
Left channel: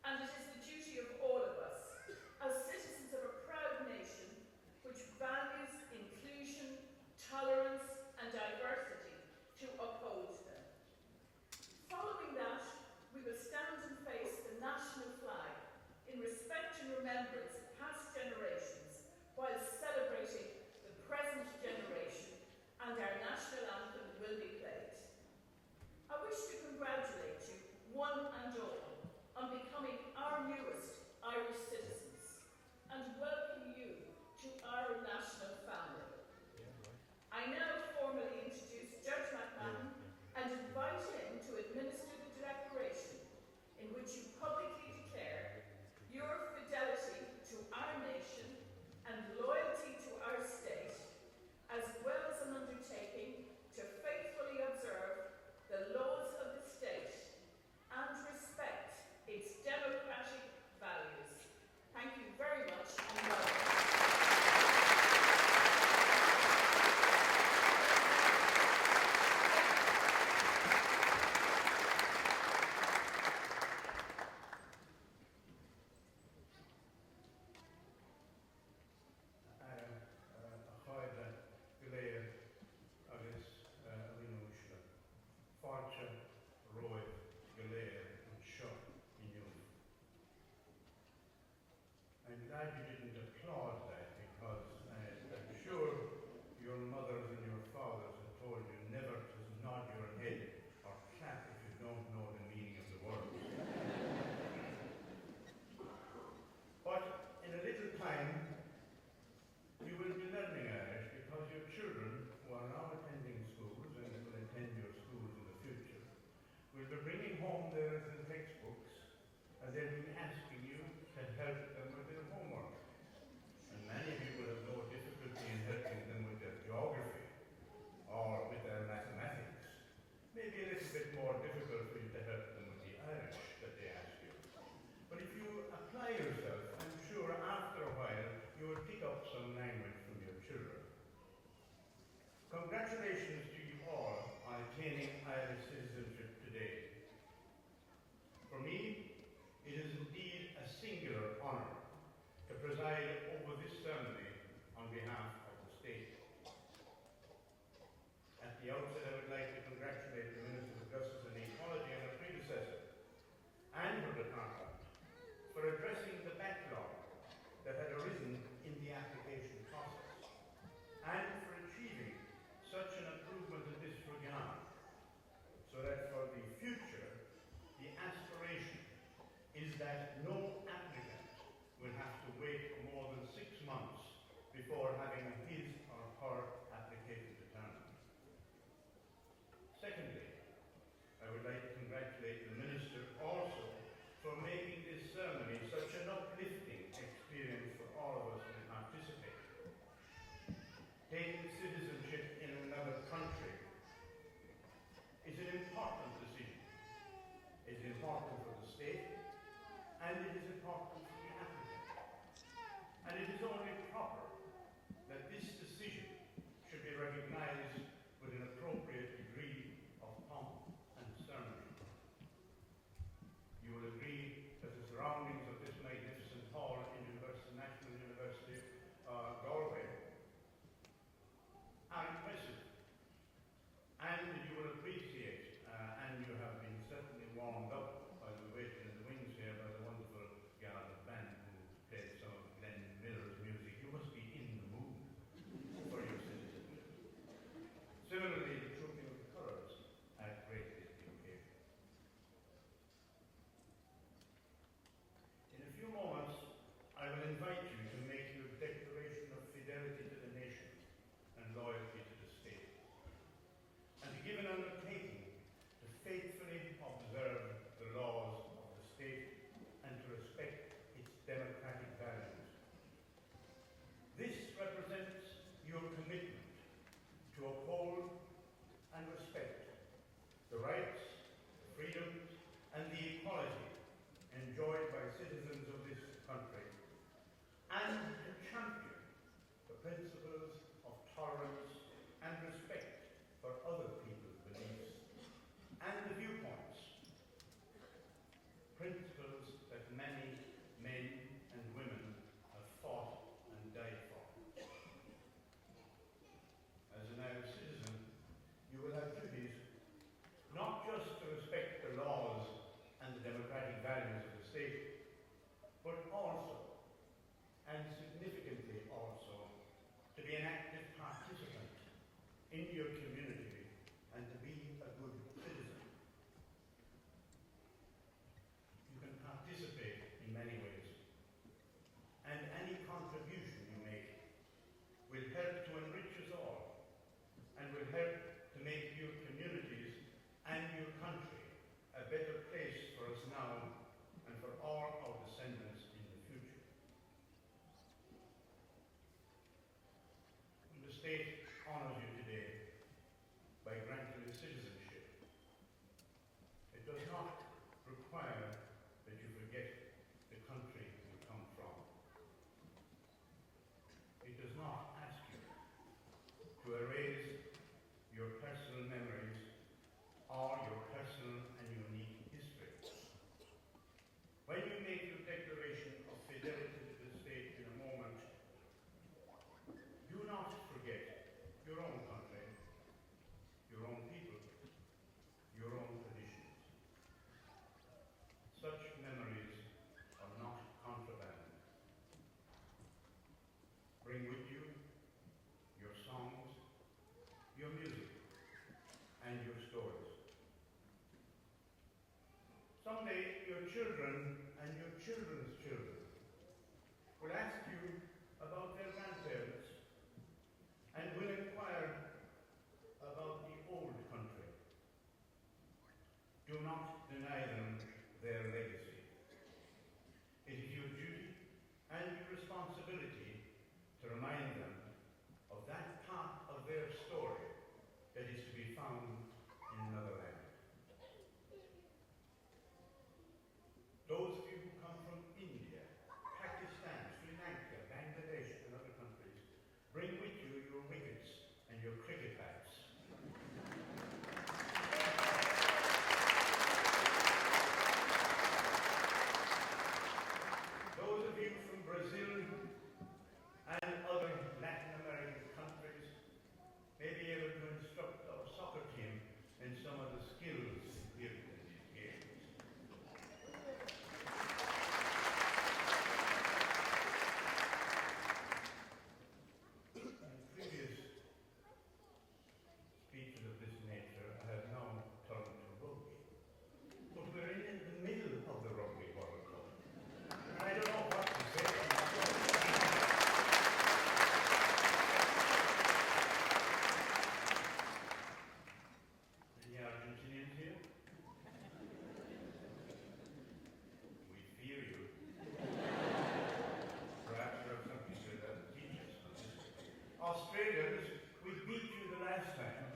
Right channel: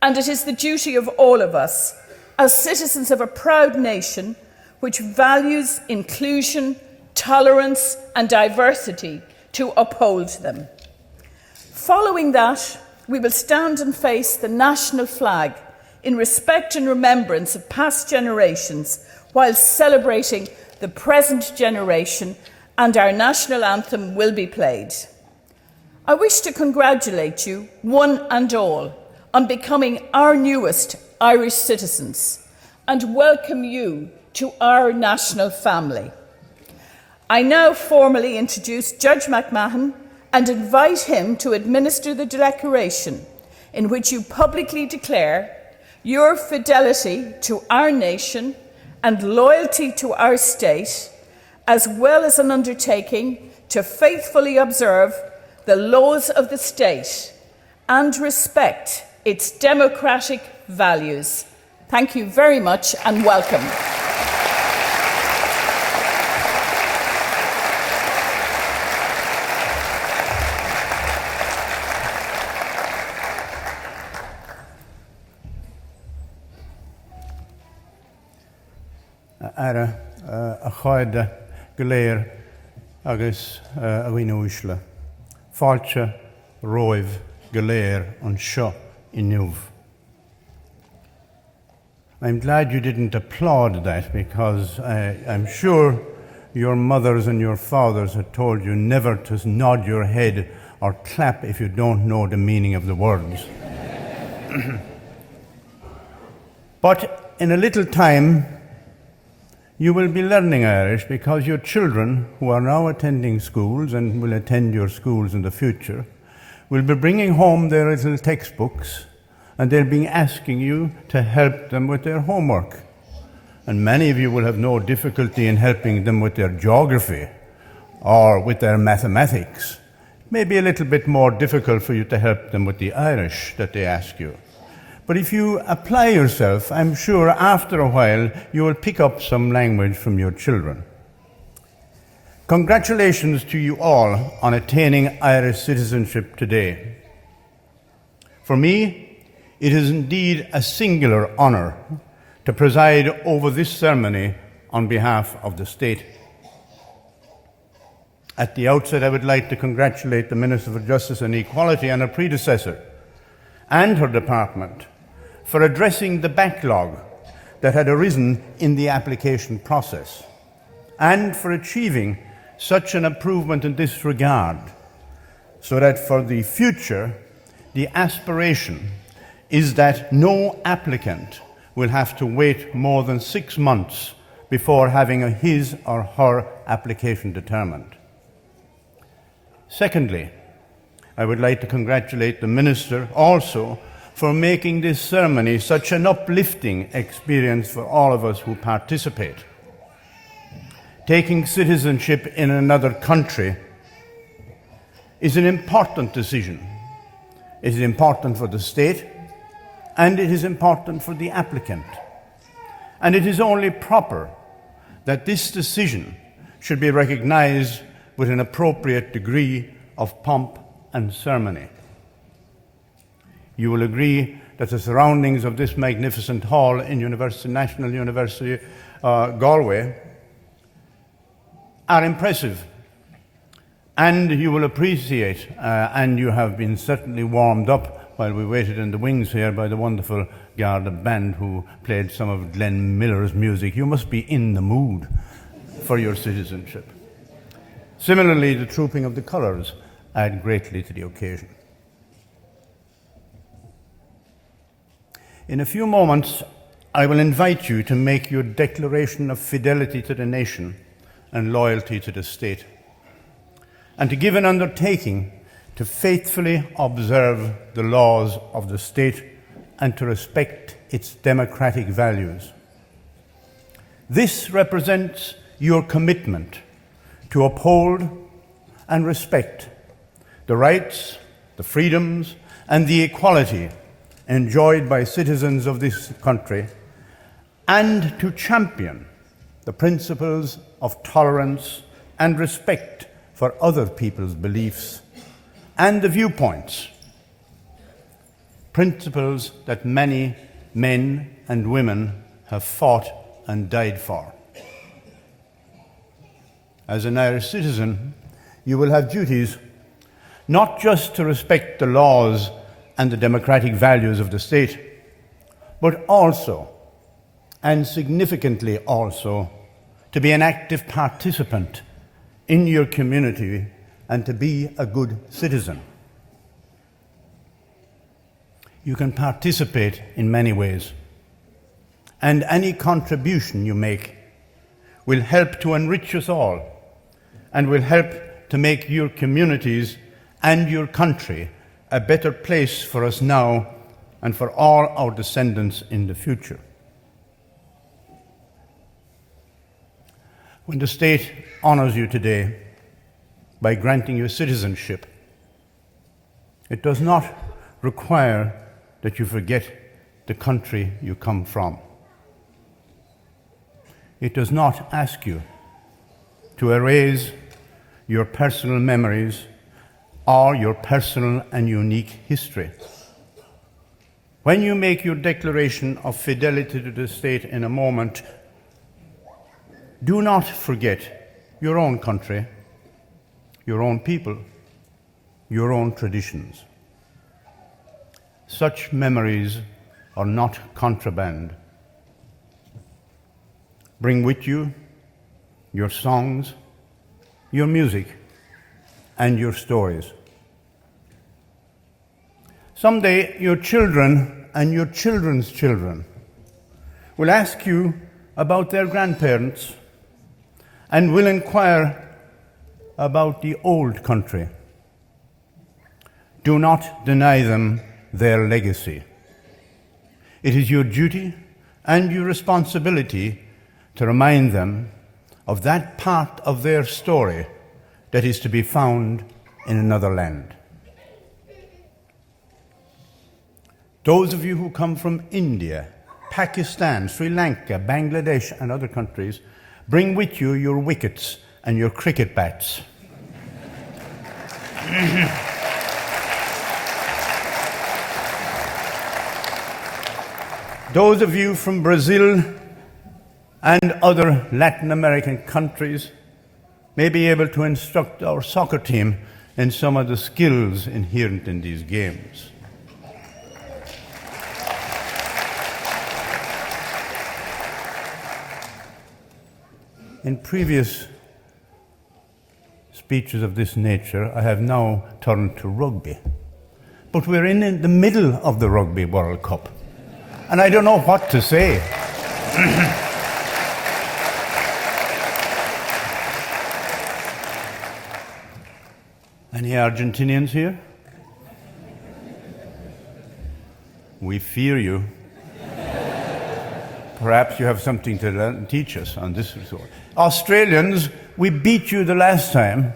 and it is the duty of all of us, as citizens of a proud nation which values inclusion, tolerance, and diversity, to uphold them. Following that, we will stand and face the national flag in respect and remembrance of past generations while celebrating the present generation, and our national anthem will be played. I wish to congratulate you, one and all, on becoming our newest Irish citizens and welcome you to our national family. I now formally introduce Judge McMahon and invite him to administer the declaration in which you publicly declare your fidelity to our nation and loyalty to our state, as well as an undertaking to faithfully observe the laws of the state and respect its democratic values. Thank you very much and welcome. Ara a cháide go léir agus a bhíine úsle. Fáilte roimh go léir an seo inniuh. I'm glad you didn't applaud that because I'm sure your mothers and your fathers had told you never to nod your head or clap if you don't know the meaning of the words. But in a little time, you will be learning Irish because your children, who are now attending schools and will attend your schools in the future, will be bringing home their little textbooks and they'll be asking you to help them with their homework. And many of you will have no difficulty in helping them with their geography or with their mathematics. It may be a little bit more difficult for you to help them with the Irish that they ask you. But if you apply yourself, I'm sure after a while you will pick up some language from your children. Congratulations to you all on attaining Irish citizenship today. For me, it is indeed a singular honour to preside over this ceremony on behalf of the state. At the outset, I would like to congratulate the Minister for Justice and Equality and her predecessor and her department for addressing the backlog that had arisen in the application process and for achieving such an improvement in this regard, so that for the future, the aspiration is that no applicant will have to wait more than 6 months before having his or her application determined. Secondly, I would like to congratulate the Minister also for making this ceremony such an uplifting experience for all of us who participate. Taking citizenship in another country is an important decision. It is important for the state and it is important for the applicant. And it is only proper that this decision should be recognized with an appropriate degree of pomp and ceremony. You will agree that the surroundings of this magnificent hall in National University Galway are impressive, and you will appreciate, and you have been certainly warmed up while we waited in the wings here by the wonderful Garda band who played some of Glenn Miller's music. You must be in the mood for your citizenship. Similarly, the trooping of the colours add greatly to the occasion. In a few moments, I will invite you to make your declaration of fidelity to the nation and loyalty to the state, and to give an undertaking to faithfully observe the laws of the state and to respect its democratic values. This represents your commitment to uphold and respect the rights, the freedoms, and the equality enjoyed by citizens of this country, and to champion the principles of tolerance and respect for other people's beliefs and the viewpoints, principles that many men and women have fought and died for. As an Irish citizen, you will have duties not just to respect the laws and the democratic values of the state, but also, and significantly also, to be an active participant in your community and to be a good citizen. You can participate in many ways, and any contribution you make will help to enrich us all and will help to make your communities and your country a better place for us now and for all our descendants in the future. When the state honours you today by granting you citizenship, It does not require that you forget the country you come from. It does not ask you to erase your personal memories or your personal and unique history. When you make your declaration of fidelity to the state in a moment, do not forget your own country, your own people, your own traditions. Such memories are not contraband. Bring with you your songs, your music, and your stories. Someday, your children and your children's children will ask you about their grandparents and will inquire about the old country. Do not deny them their legacy. It is your duty and your responsibility to remind them of that part of their story that is to be found in another land. Those of you who come from India, Pakistan, Sri Lanka, Bangladesh, and other countries, bring with you your wickets and your cricket bats. Those of you from Brazil and other Latin American countries may be able to instruct our soccer team in some of the skills inherent in these games. In previous speeches of this nature, I have now turned to rugby. But we're in the middle of the Rugby World Cup, and I don't know what to say. Any Argentinians here? We fear you. Perhaps you have something to teach us on this resort. Australians, we beat you the last time,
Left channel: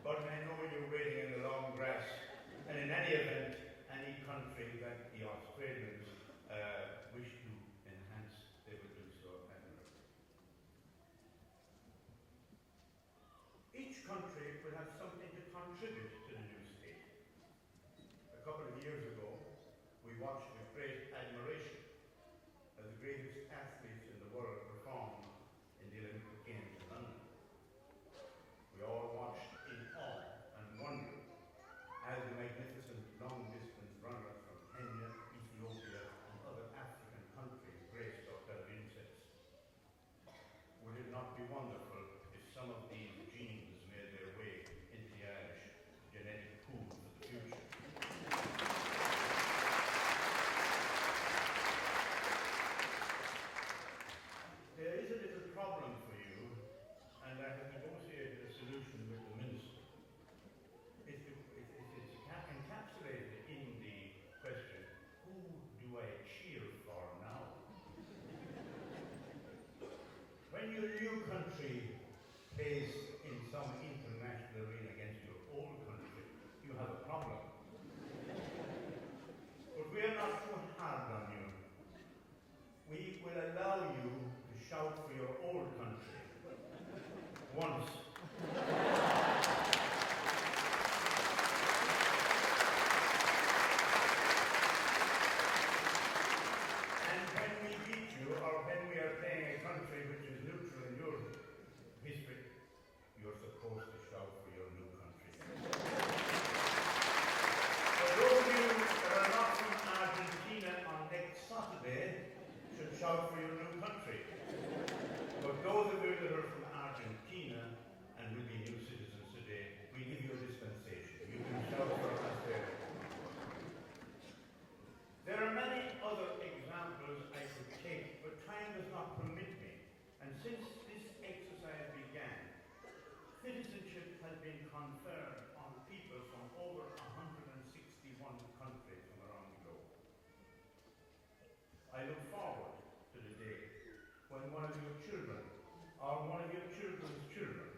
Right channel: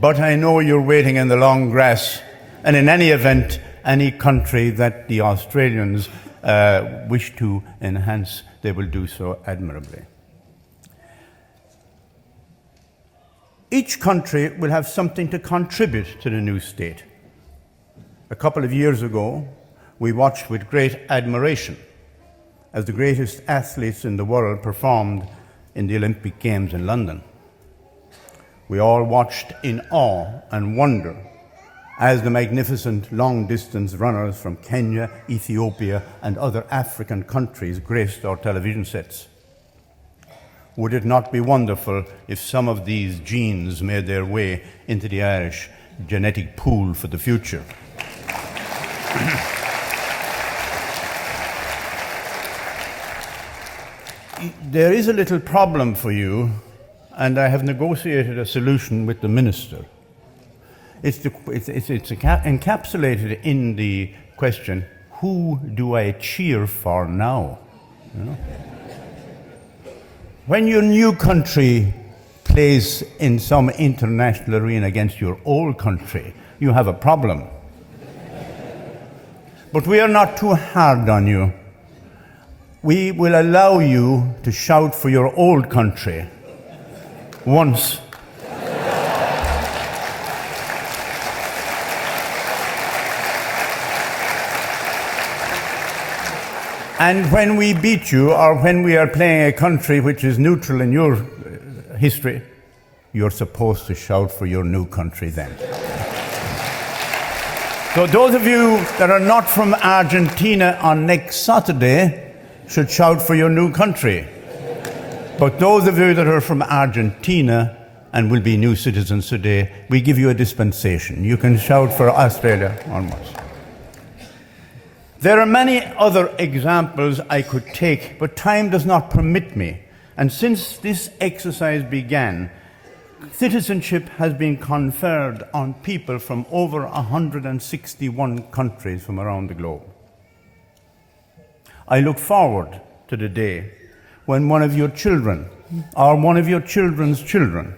but I know you're waiting in the long grass. And in any event, any country that the Australians wish to enhance, they will do so admirably. Each country will have something to contribute to the new state. A couple of years ago, we watched with great admiration as the greatest athletes in the world performed in the Olympic Games in London. We all watched in awe and wonder as the magnificent long-distance runners from Kenya, Ethiopia, and other African countries graced our television sets. Would it not be wonderful if some of these genes made their way into the Irish genetic pool for the future? There is a little problem for you, and I have negotiated a solution with the minister. It's encapsulated in the question, who do I cheer for now? You know? When your new country plays in some international arena against your old country, you have a problem. But we are not too hard on you. We will allow you to shout for your old country once. And when we beat you, or when we are playing a country which is neutral in your history, you're supposed to shout for your new country then. So those of you that are not from Argentina on next Saturday should shout for your new country. But those of you that are from Argentina and will be new citizens today, we give you a dispensation. You can shout for Australia onwards. There are many other examples I could take, but time does not permit me. And since this exercise began, citizenship has been conferred on people from over 161 countries from around the globe. I look forward to the day when one of your children or one of your children's children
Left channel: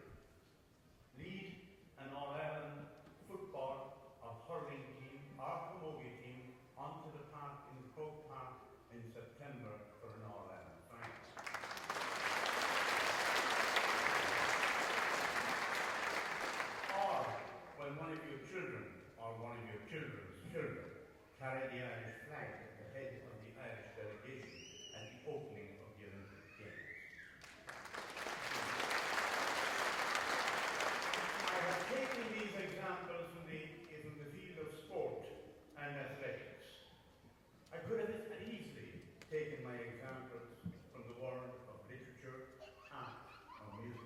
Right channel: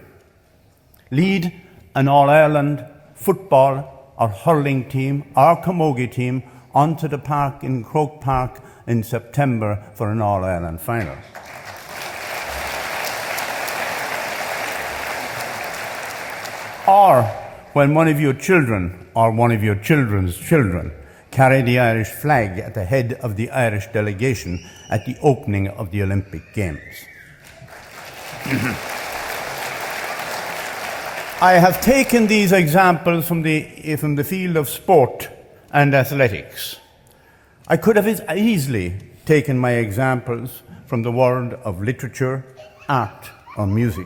lead an All-Ireland football our hurling team, our camogie team, onto the park in Croke Park in September for an All-Ireland final. Or when one of your children or one of your children's children carry the Irish flag at the head of the Irish delegation at the opening of the Olympic Games. I have taken these examples from the field of sport and athletics. I could have easily taken my examples from the world of literature, art, or music.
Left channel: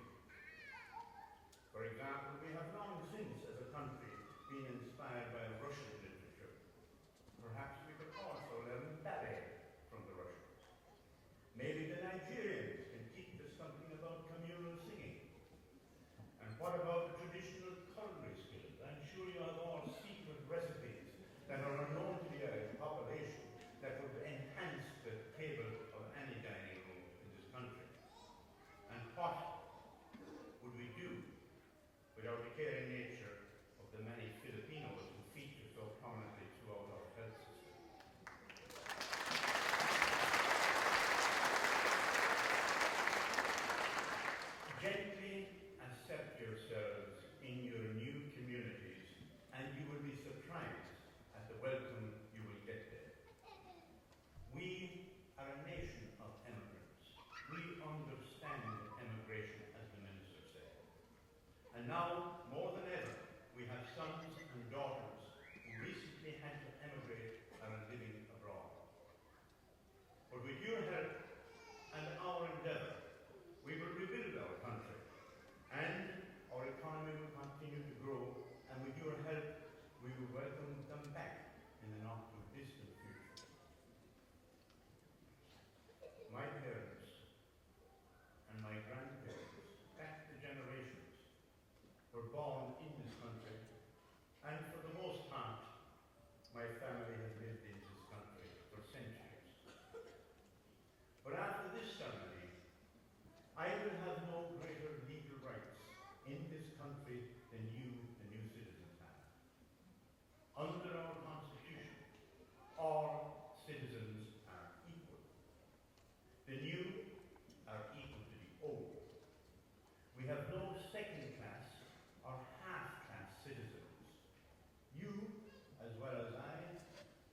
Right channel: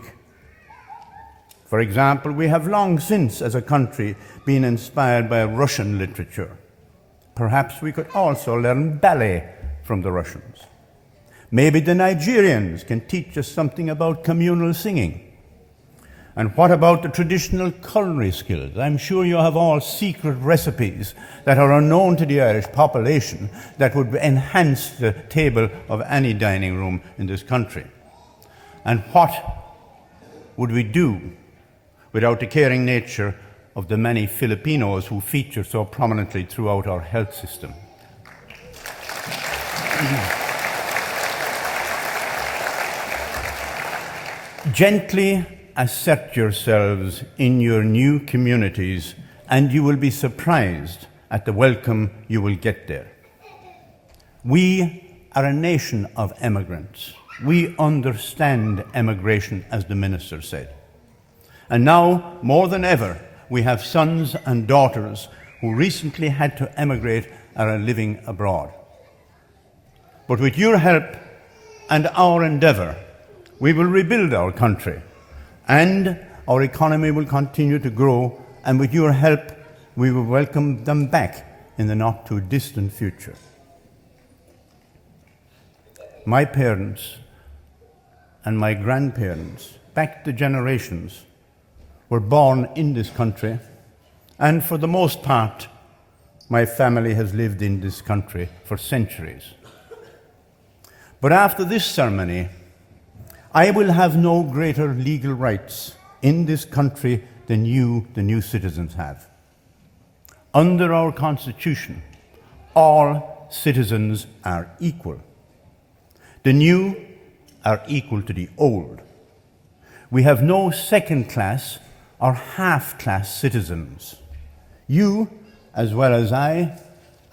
For example, we have long since, as a country, been inspired by Russian literature. Perhaps we could also learn ballet from the Russians. Maybe the Nigerians can teach us something about communal singing. And what about the traditional culinary skills? I'm sure you have all secret recipes that are unknown to the Irish population that would enhance the table of any dining room in this country. And what would we do without the caring nature of the many Filipinos who feature so prominently throughout our health system? Gently assert yourselves in your new communities, and you will be surprised at the welcome you will get there. We are a nation of emigrants. We understand emigration, as the minister said. And now, more than ever, we have sons and daughters who recently had to emigrate and are living abroad. But with your help and our endeavour, we will rebuild our country, and our economy will continue to grow, and with your help, we will welcome them back in the not-too-distant future. My parents and my grandparents, back the generations, were born in this country, and for the most part, my family has lived in this country for centuries. But after this ceremony, I will have no greater legal rights in this country than you, the new citizens, have. Under our Constitution, all citizens are equal. The new are equal to the old. We have no second-class or half-class citizens. You, as well as I,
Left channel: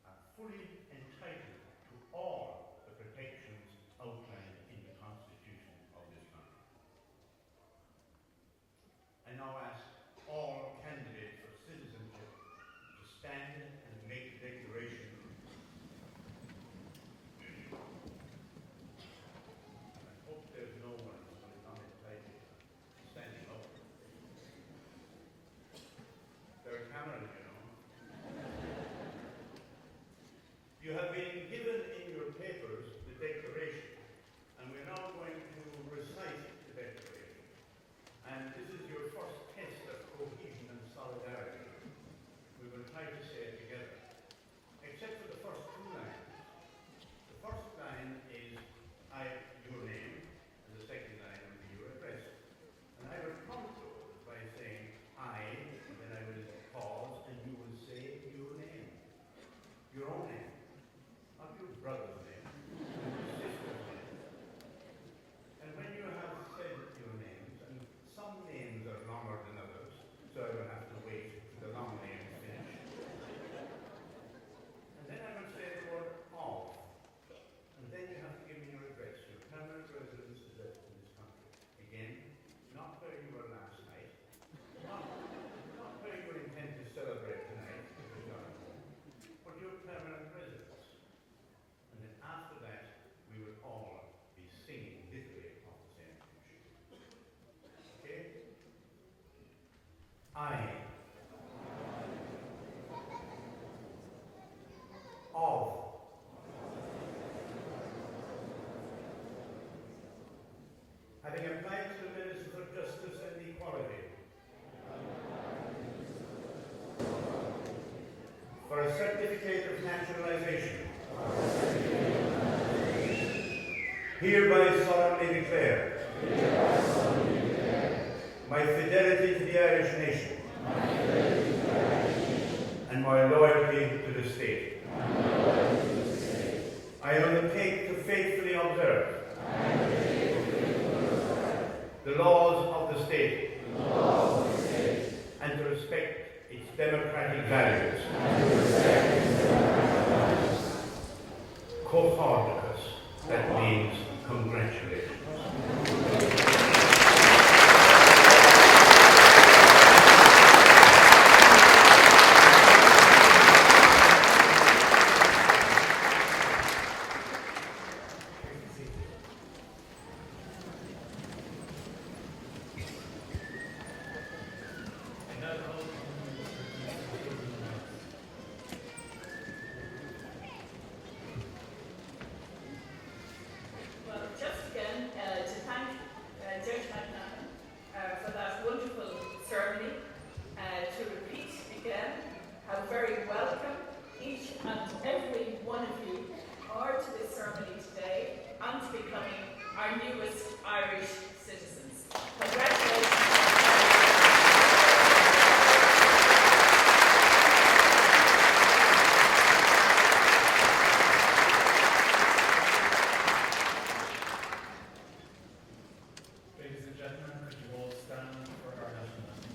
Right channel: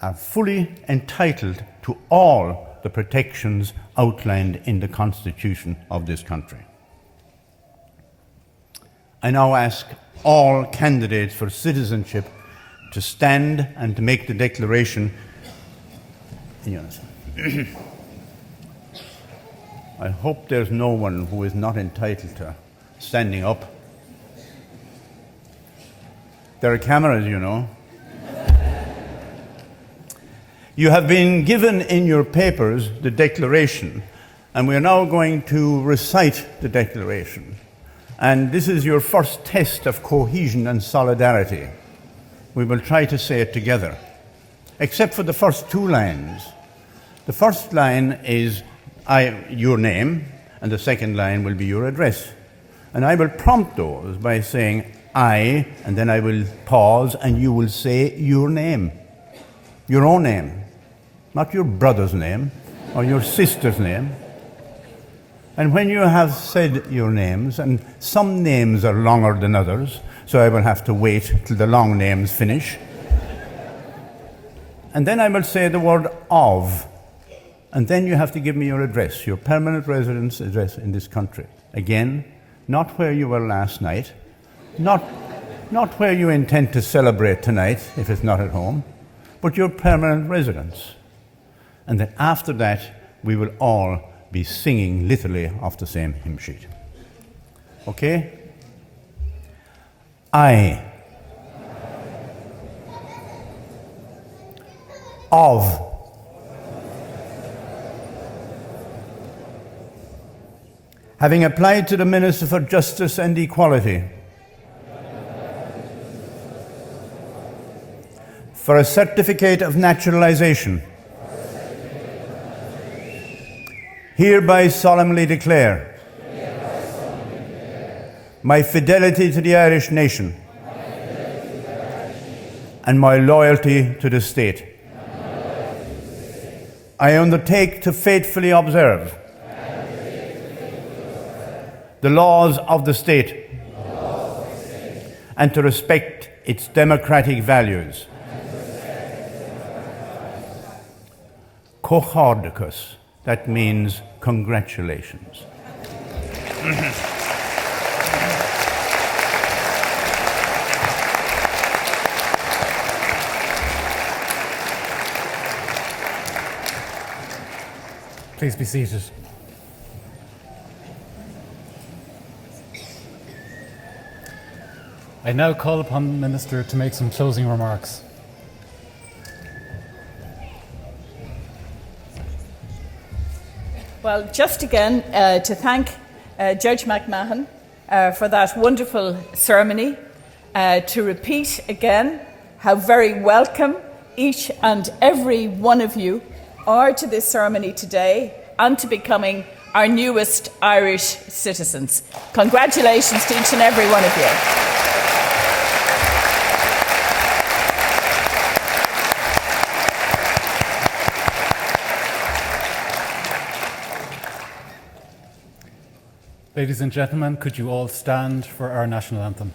are fully entitled to all the protections outlined in the Constitution of this country. I now ask all candidates for citizenship to stand and to make the declaration in unison. I hope there's no one who is not entitled to standing up. There are cameras, you know. You have been given in your papers the declaration, and we are now going to recite the declaration. And this is your first test of cohesion and solidarity. We will try to say it together, except for the first two lines. The first line is your name, and the second line will be your address. And I will prompt those by saying I, and then I will pause, and you will say your name, your own name, not your brother's name or your sister's name. And when you have said your names, and some names are longer than others, so I will have to wait till the long names finish. And then I will say the word of, and then you have to give me your address, your permanent residence address in this country. Again, not where you were last night, not where you intend to celebrate tonight, if it's not at home, but your permanent residence. And then after that, we will all be singing literally off the same hymn sheet. Okay? I, of, having applied to the Minister for Justice and Equality for a certificate of naturalization, hereby solemnly declare my fidelity to the Irish nation and my loyalty to the state. I undertake to faithfully observe the laws of the state and to respect its democratic values. Cóchardachas, that means congratulations. Please be seated. I now call upon the Minister to make some closing remarks. Well, just again to thank Judge McMahon for that wonderful ceremony, to repeat again how very welcome each and every one of you are to this ceremony today and to becoming our newest Irish citizens. Congratulations to each and every one of you. Ladies and gentlemen, could you all stand for our national anthem?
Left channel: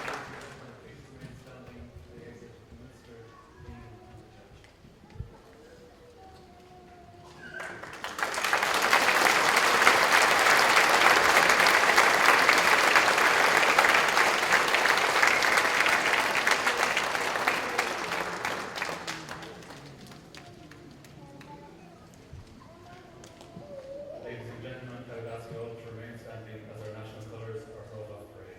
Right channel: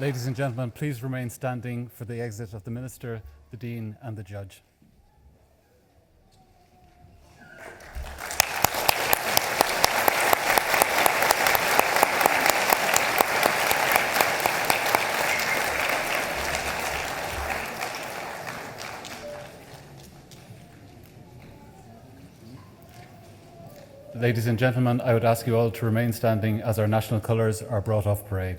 Ladies and gentlemen, please remain standing for the exit of the Minister, the Dean and the Judge. Ladies and gentlemen, I would ask you all to remain standing as our national colours are brought off parade.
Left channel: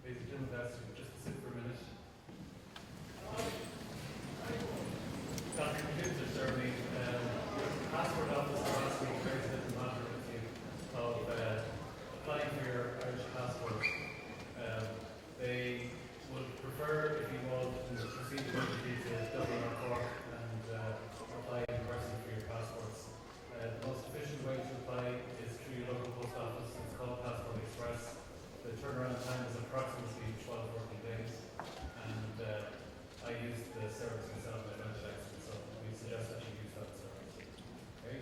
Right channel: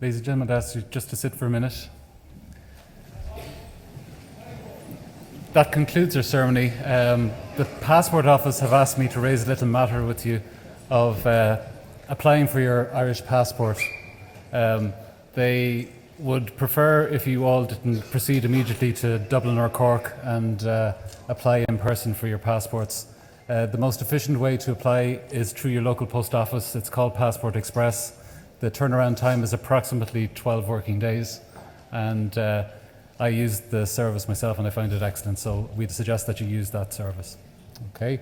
Ladies and gentlemen, I'd ask you just to sit for a minute. That concludes our ceremony. The Passport Office have asked me to raise a little matter with you of applying for your Irish passport. They would prefer if you all didn't proceed immediately to Dublin or Cork and apply in person for your passports. The most efficient way to apply is through your local post office. It's called Passport Express. The turnaround time is approximately 12 working days, and I used the service myself and I found it excellent, so we'd suggest that you use that service. Okay.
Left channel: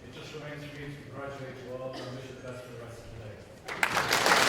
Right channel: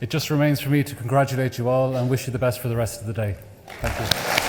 It just remains for me to congratulate you all and wish you the best for the rest of the day. Thank you.